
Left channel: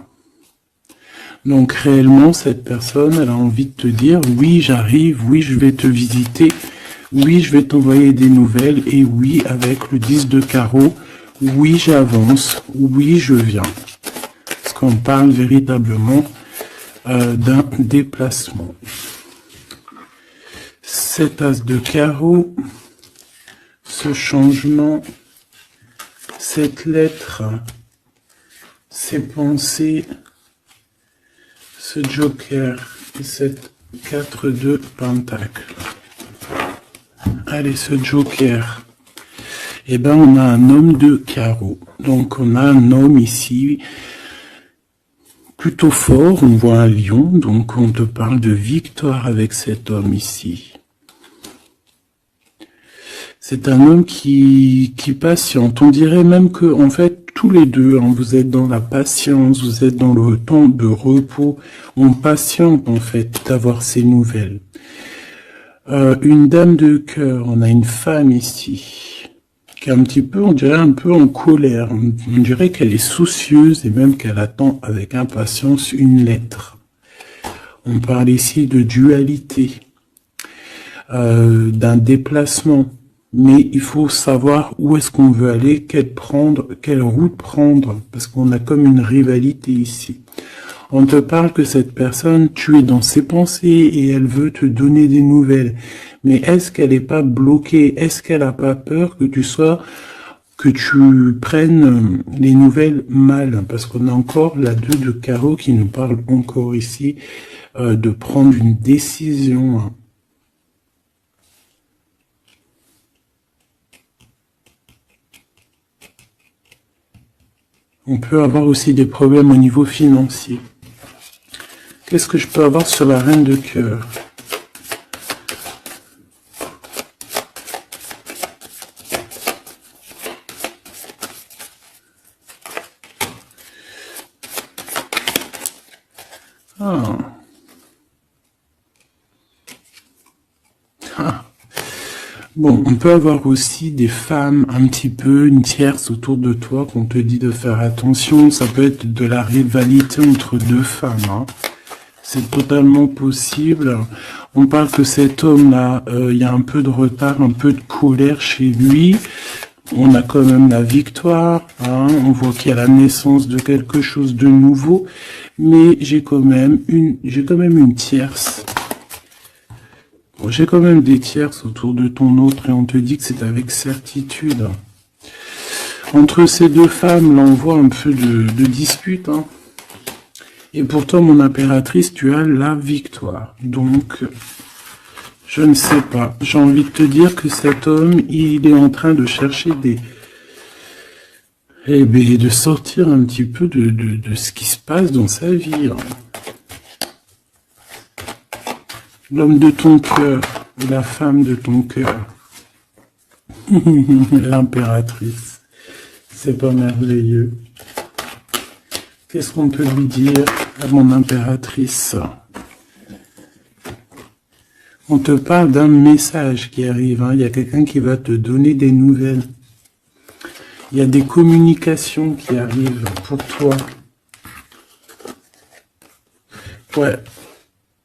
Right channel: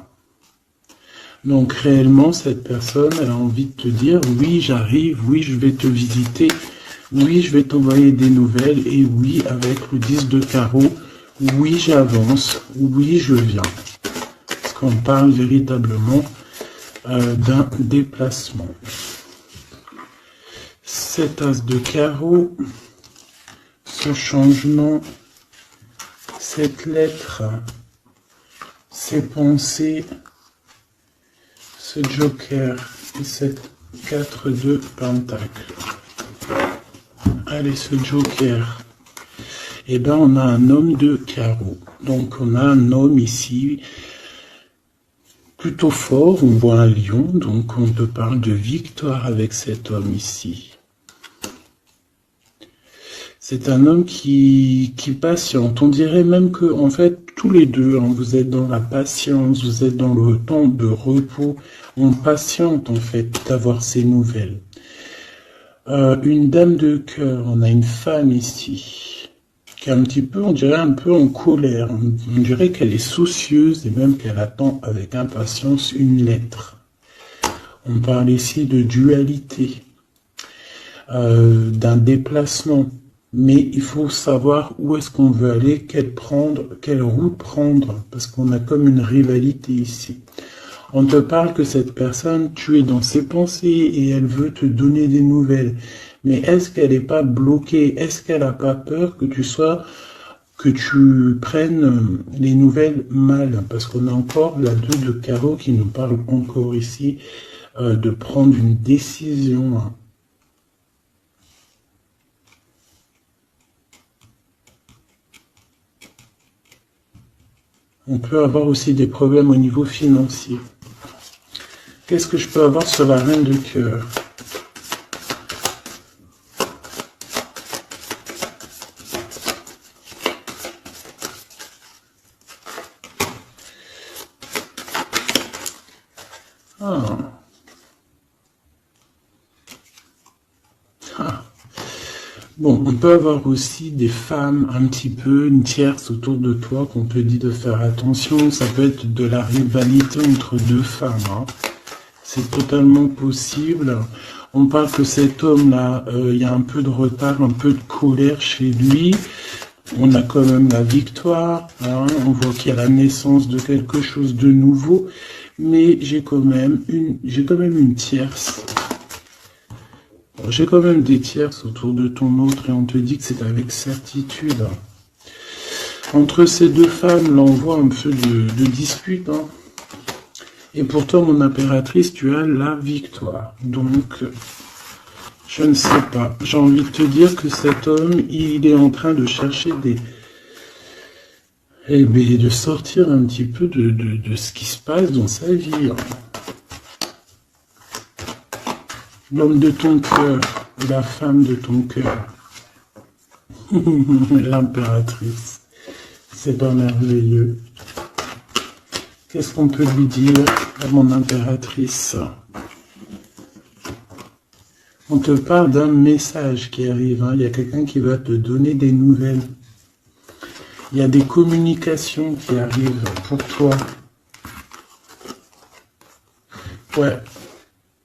Donc réellement, cette personne, elle a envie de te dire, oui, j'arrive, oui, je vais te visiter, oui, je vais t'envoyer des nouvelles, et oui, avec le 10 de carreau, oui, j'avance, oui, je viens. Parce qu'on parle véritablement d'un déplacement. Cet as de carreau, ce changement, cette lettre, ces pensées, ce joker, cette 4 de pentacle. Allez, ce joker. Eh ben, on a un homme de carreau. Donc, on a un homme ici plutôt fort. On voit un lion. Donc, on te parle de victoire avec cet homme ici. C'est un homme qui patiente. On dirait même que, en fait, tous les deux, hein, vous êtes dans la patience, vous êtes dans le temps de repos. On patiente, en fait, d'avoir ces nouvelles. Une dame de cœur, on a une femme ici, qui est un petit peu, on dirait un peu en colère. On dirait qu'elle est soucieuse et même qu'elle attend avec impatience une lettre. On parle ici de dualité, d'un déplacement. Mais il faut savoir où est-ce qu'on veut aller, quelle route prendre, parce qu'on a comme une rivalité ici. On te parle que cette personne, tu es dans ses pensées et elle veut te donner des nouvelles. Mais est-ce qu'elle n'est pas bloquée? Est-ce qu'elle n'a pas peur que tu prennes les nouvelles mal? Parce qu'on a encore la 2 de carreau qui nous parle encore ici de prendre une décision. Hein. On peut avoir aussi des problèmes au niveau financier. Qu'est-ce que je peux avoir sur la reine de cœur? Ah. Ah. Bon, on peut avoir aussi des femmes un petit peu, une tierce autour de toi qu'on te dit de faire attention. Ça peut être de la rivalité entre deux femmes. Hein. C'est totalement possible. On parle que cet homme-là, il y a un peu de retard, un peu de colère chez lui. On a quand même la victoire. Hein. On voit qu'il y a la naissance de quelque chose de nouveau. Mais j'ai quand même une tierce. J'ai quand même des tierces autour de ton autre et on te dit que c'est avec certitude. Entre ces deux femmes, là, on voit un peu de dispute. Hein. Et pourtant, mon impératrice, tu as la victoire. Donc, je ne sais pas. J'ai envie de te dire que cet homme, il est en train de chercher de sortir un petit peu de ce qui se passe dans sa vie. Hein. L'homme de ton cœur, la femme de ton cœur, l'impératrice, c'est pas merveilleux. Qu'est-ce qu'on peut lui dire à mon impératrice? On te parle d'un message qui arrive, hein. Il y a quelqu'un qui va te donner des nouvelles. Il y a des communications qui arrivent pour toi. Ouais.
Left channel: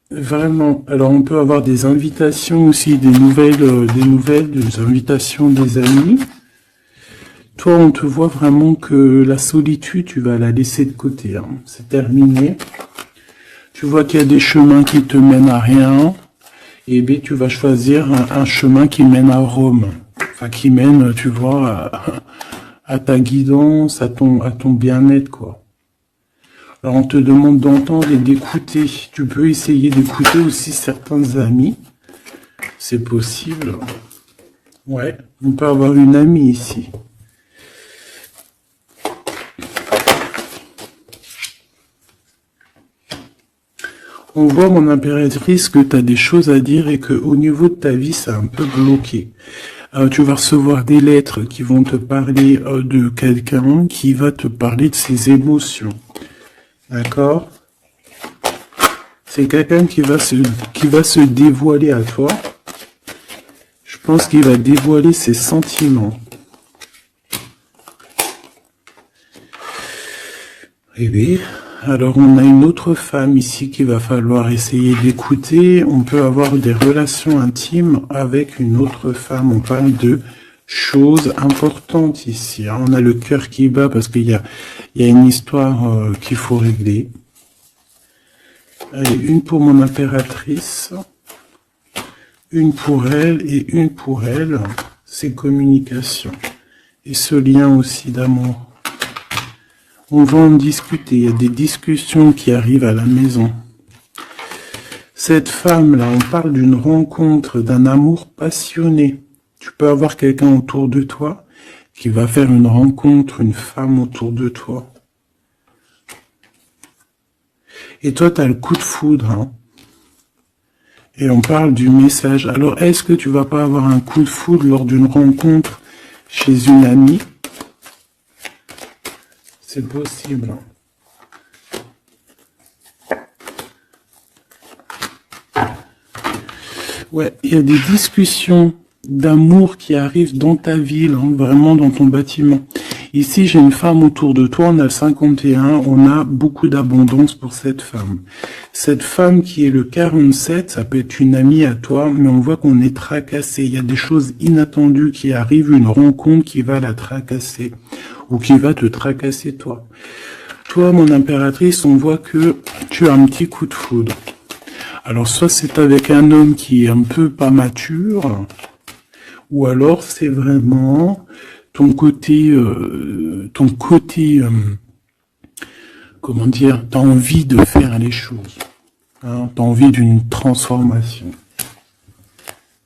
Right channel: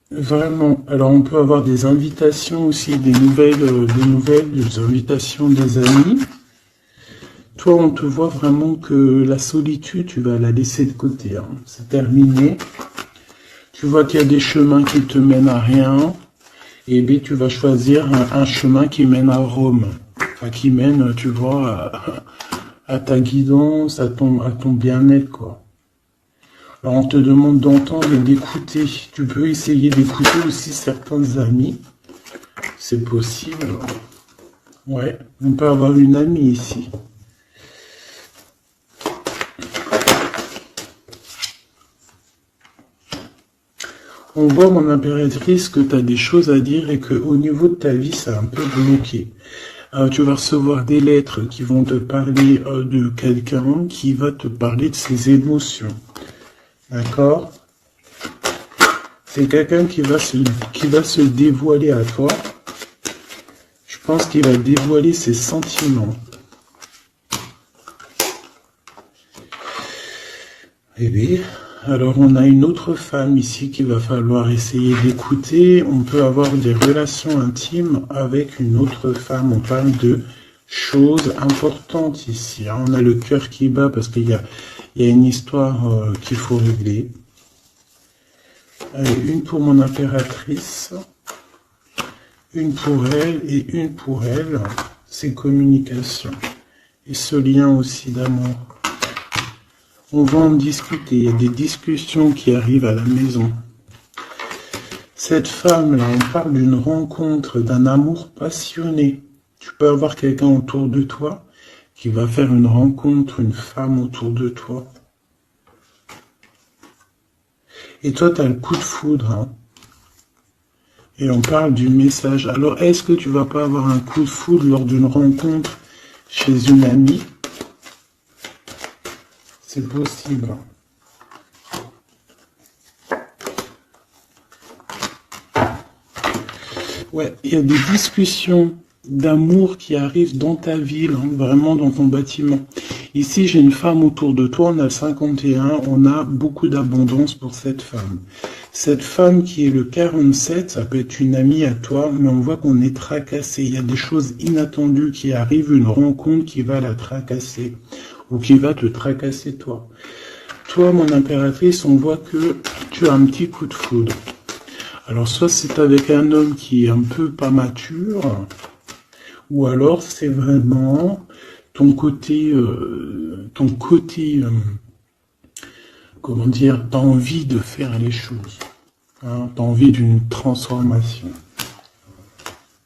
Vraiment. Alors, on peut avoir des invitations aussi, des invitations des amis. Toi, on te voit vraiment que la solitude, tu vas la laisser de côté. Hein. C'est terminé. Tu vois qu'il y a des chemins qui te mènent à rien. Et bien, tu vas choisir un chemin qui mène à Rome. Enfin, qui mène, tu vois, à ta guidance, à ton bien-être, quoi. Alors, on te demande d'entendre et d'écouter. Tu peux essayer d'écouter aussi certains amis. C'est possible. Ouais, on peut avoir une amie ici. On voit, mon impératrice, que tu as des choses à dire et qu'au niveau de ta vie, c'est un peu bloqué. Tu vas recevoir des lettres qui vont te parler de quelqu'un qui va te parler de ses émotions. D'accord? C'est quelqu'un qui va se dévoiler à toi. Je pense qu'il va dévoiler ses sentiments. Eh bien, alors on a une autre femme ici qu'il va falloir essayer d'écouter. On peut avoir des relations intimes avec une autre femme. On parle de choses importantes ici. Hein. On a le cœur qui bat parce qu'il y a une histoire qu'il faut régler. Allez, une pour mon impératrice. Une pour elle et une pour elle. C'est communication. Et ce lien aussi d'amour. On va en discuter. Il y a des discussions qui arrivent à la maison. Cette femme-là, on parle d'une rencontre, d'un amour passionné. Tu peux avoir quelqu'un autour de toi qui va faire une rencontre, une femme autour de toi. Et toi, tu as le coup de foudre. Hein. Et on parle du message. Alors, est-ce que tu vas pas avoir un coup de foudre lors d'une rencontre chez une amie? C'est possible. Ouais, il y a des discussions d'amour qui arrivent dans ta ville, hein, vraiment dans ton bâtiment. Ici, j'ai une femme autour de toi, on a le 51, on a beaucoup d'abondance pour cette femme. Cette femme qui est le 47, ça peut être une amie à toi, mais on voit qu'on est tracassé. Il y a des choses inattendues qui arrivent, une rencontre qui va la tracasser, ou qui va te tracasser toi. toi, mon impératrice, on voit que tu as un petit coup de foudre. Alors, soit c'est avec un homme qui est un peu pas mature, ou alors c'est vraiment ton côté, comment dire, t'as envie de faire les choses. Hein, t'as envie d'une transformation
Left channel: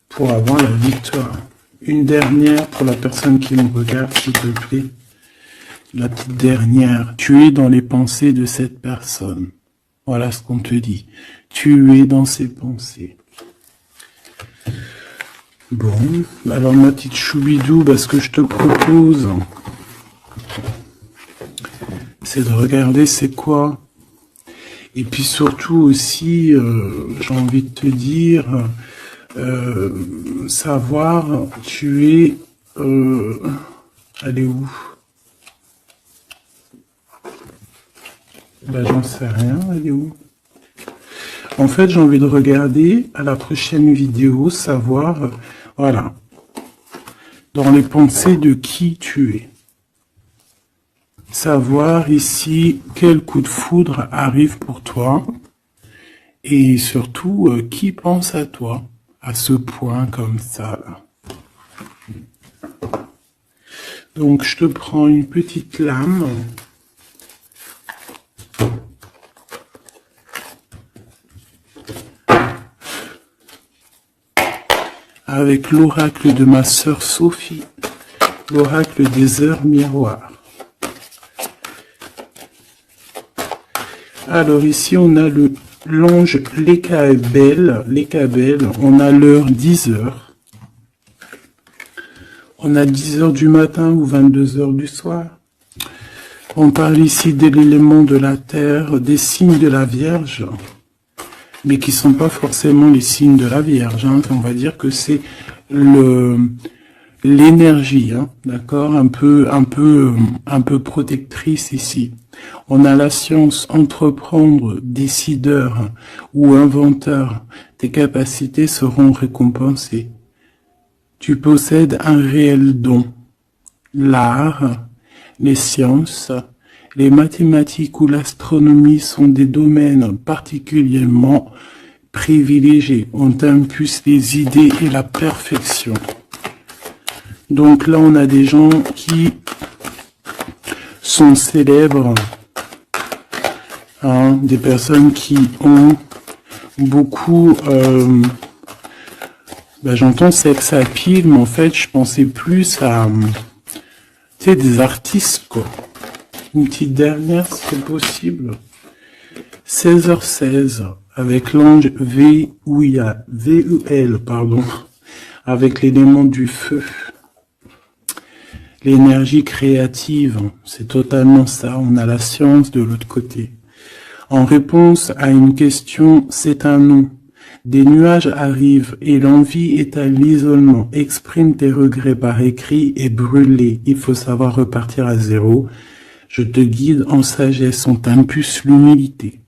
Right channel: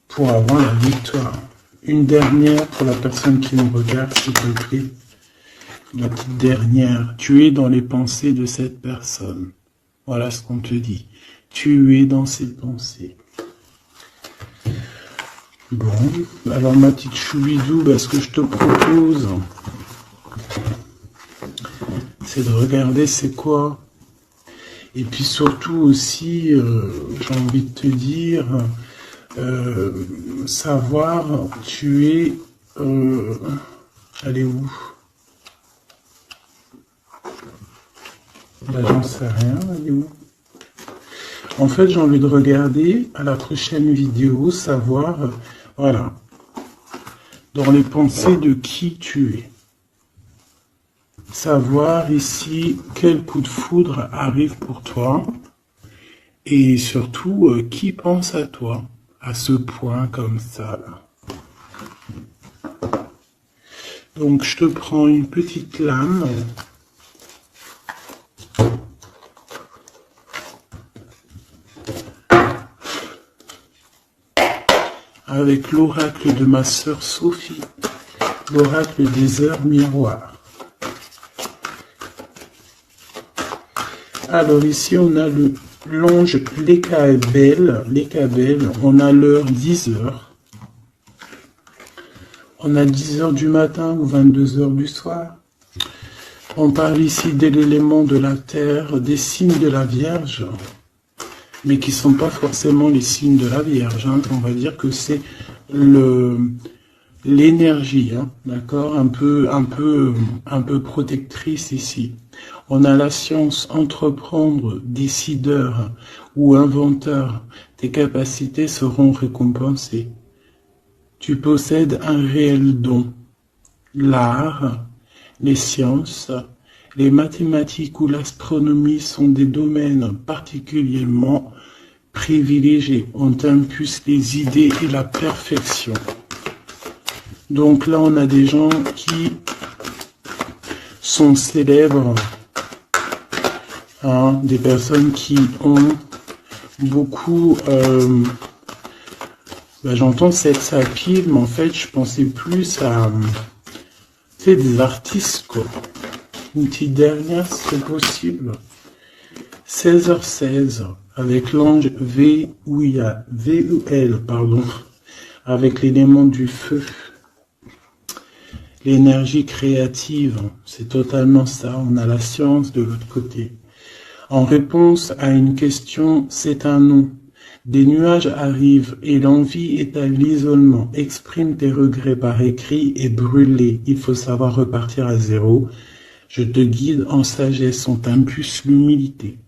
pour avoir la victoire. Une dernière pour la personne qui me regarde, s'il te plaît. La petite dernière. Tu es dans les pensées de cette personne. Voilà ce qu'on te dit. Tu es dans ses pensées. Bon, alors ma petite choubidou, ce que je te propose, c'est de regarder c'est quoi. Et puis surtout aussi, j'ai envie de te dire, savoir, tu es... elle est où? J'en sais rien, elle est où? En fait, j'ai envie de regarder à la prochaine vidéo, savoir, voilà, dans les pensées de qui tu es. Savoir ici quel coup de foudre arrive pour toi et surtout qui pense à toi à ce point comme ça là. Donc je te prends une petite lame. Avec l'oracle de ma sœur Sophie, l'oracle des heures miroirs. Alors ici on a l'ange Lécabel, on a l'heure 10h. On a 10h du matin ou 22h du soir. On parle ici de l'élément de la terre, des signes de la Vierge, mais qui ne sont pas forcément les signes de la Vierge. Hein. On va dire que c'est l'énergie, hein, d'accord, un peu protectrice ici. On a la science, entreprendre, décideur ou inventeur. Tes capacités seront récompensées. Tu possèdes un réel don. L'art, les sciences, les mathématiques ou l'astronomie sont des domaines particulièrement privilégiés. On t'impulse les idées et la perfection. Donc là, on a des gens qui sont célèbres, hein, des personnes qui ont beaucoup... j'entends sex appeal, mais en fait, je pensais plus à... tu sais, des artistes, quoi. Une petite dernière, si c'est possible. 16h16, avec l'ange VEL, pardon, avec l'élément du feu. L'énergie créative, c'est totalement ça. On a la science de l'autre côté. En réponse à une question, c'est un non. Des nuages arrivent et l'envie est à l'isolement. Exprime tes regrets par écrit et brûlez. Il faut savoir repartir à zéro. Je te guide en sagesse, on t'impulse l'humilité.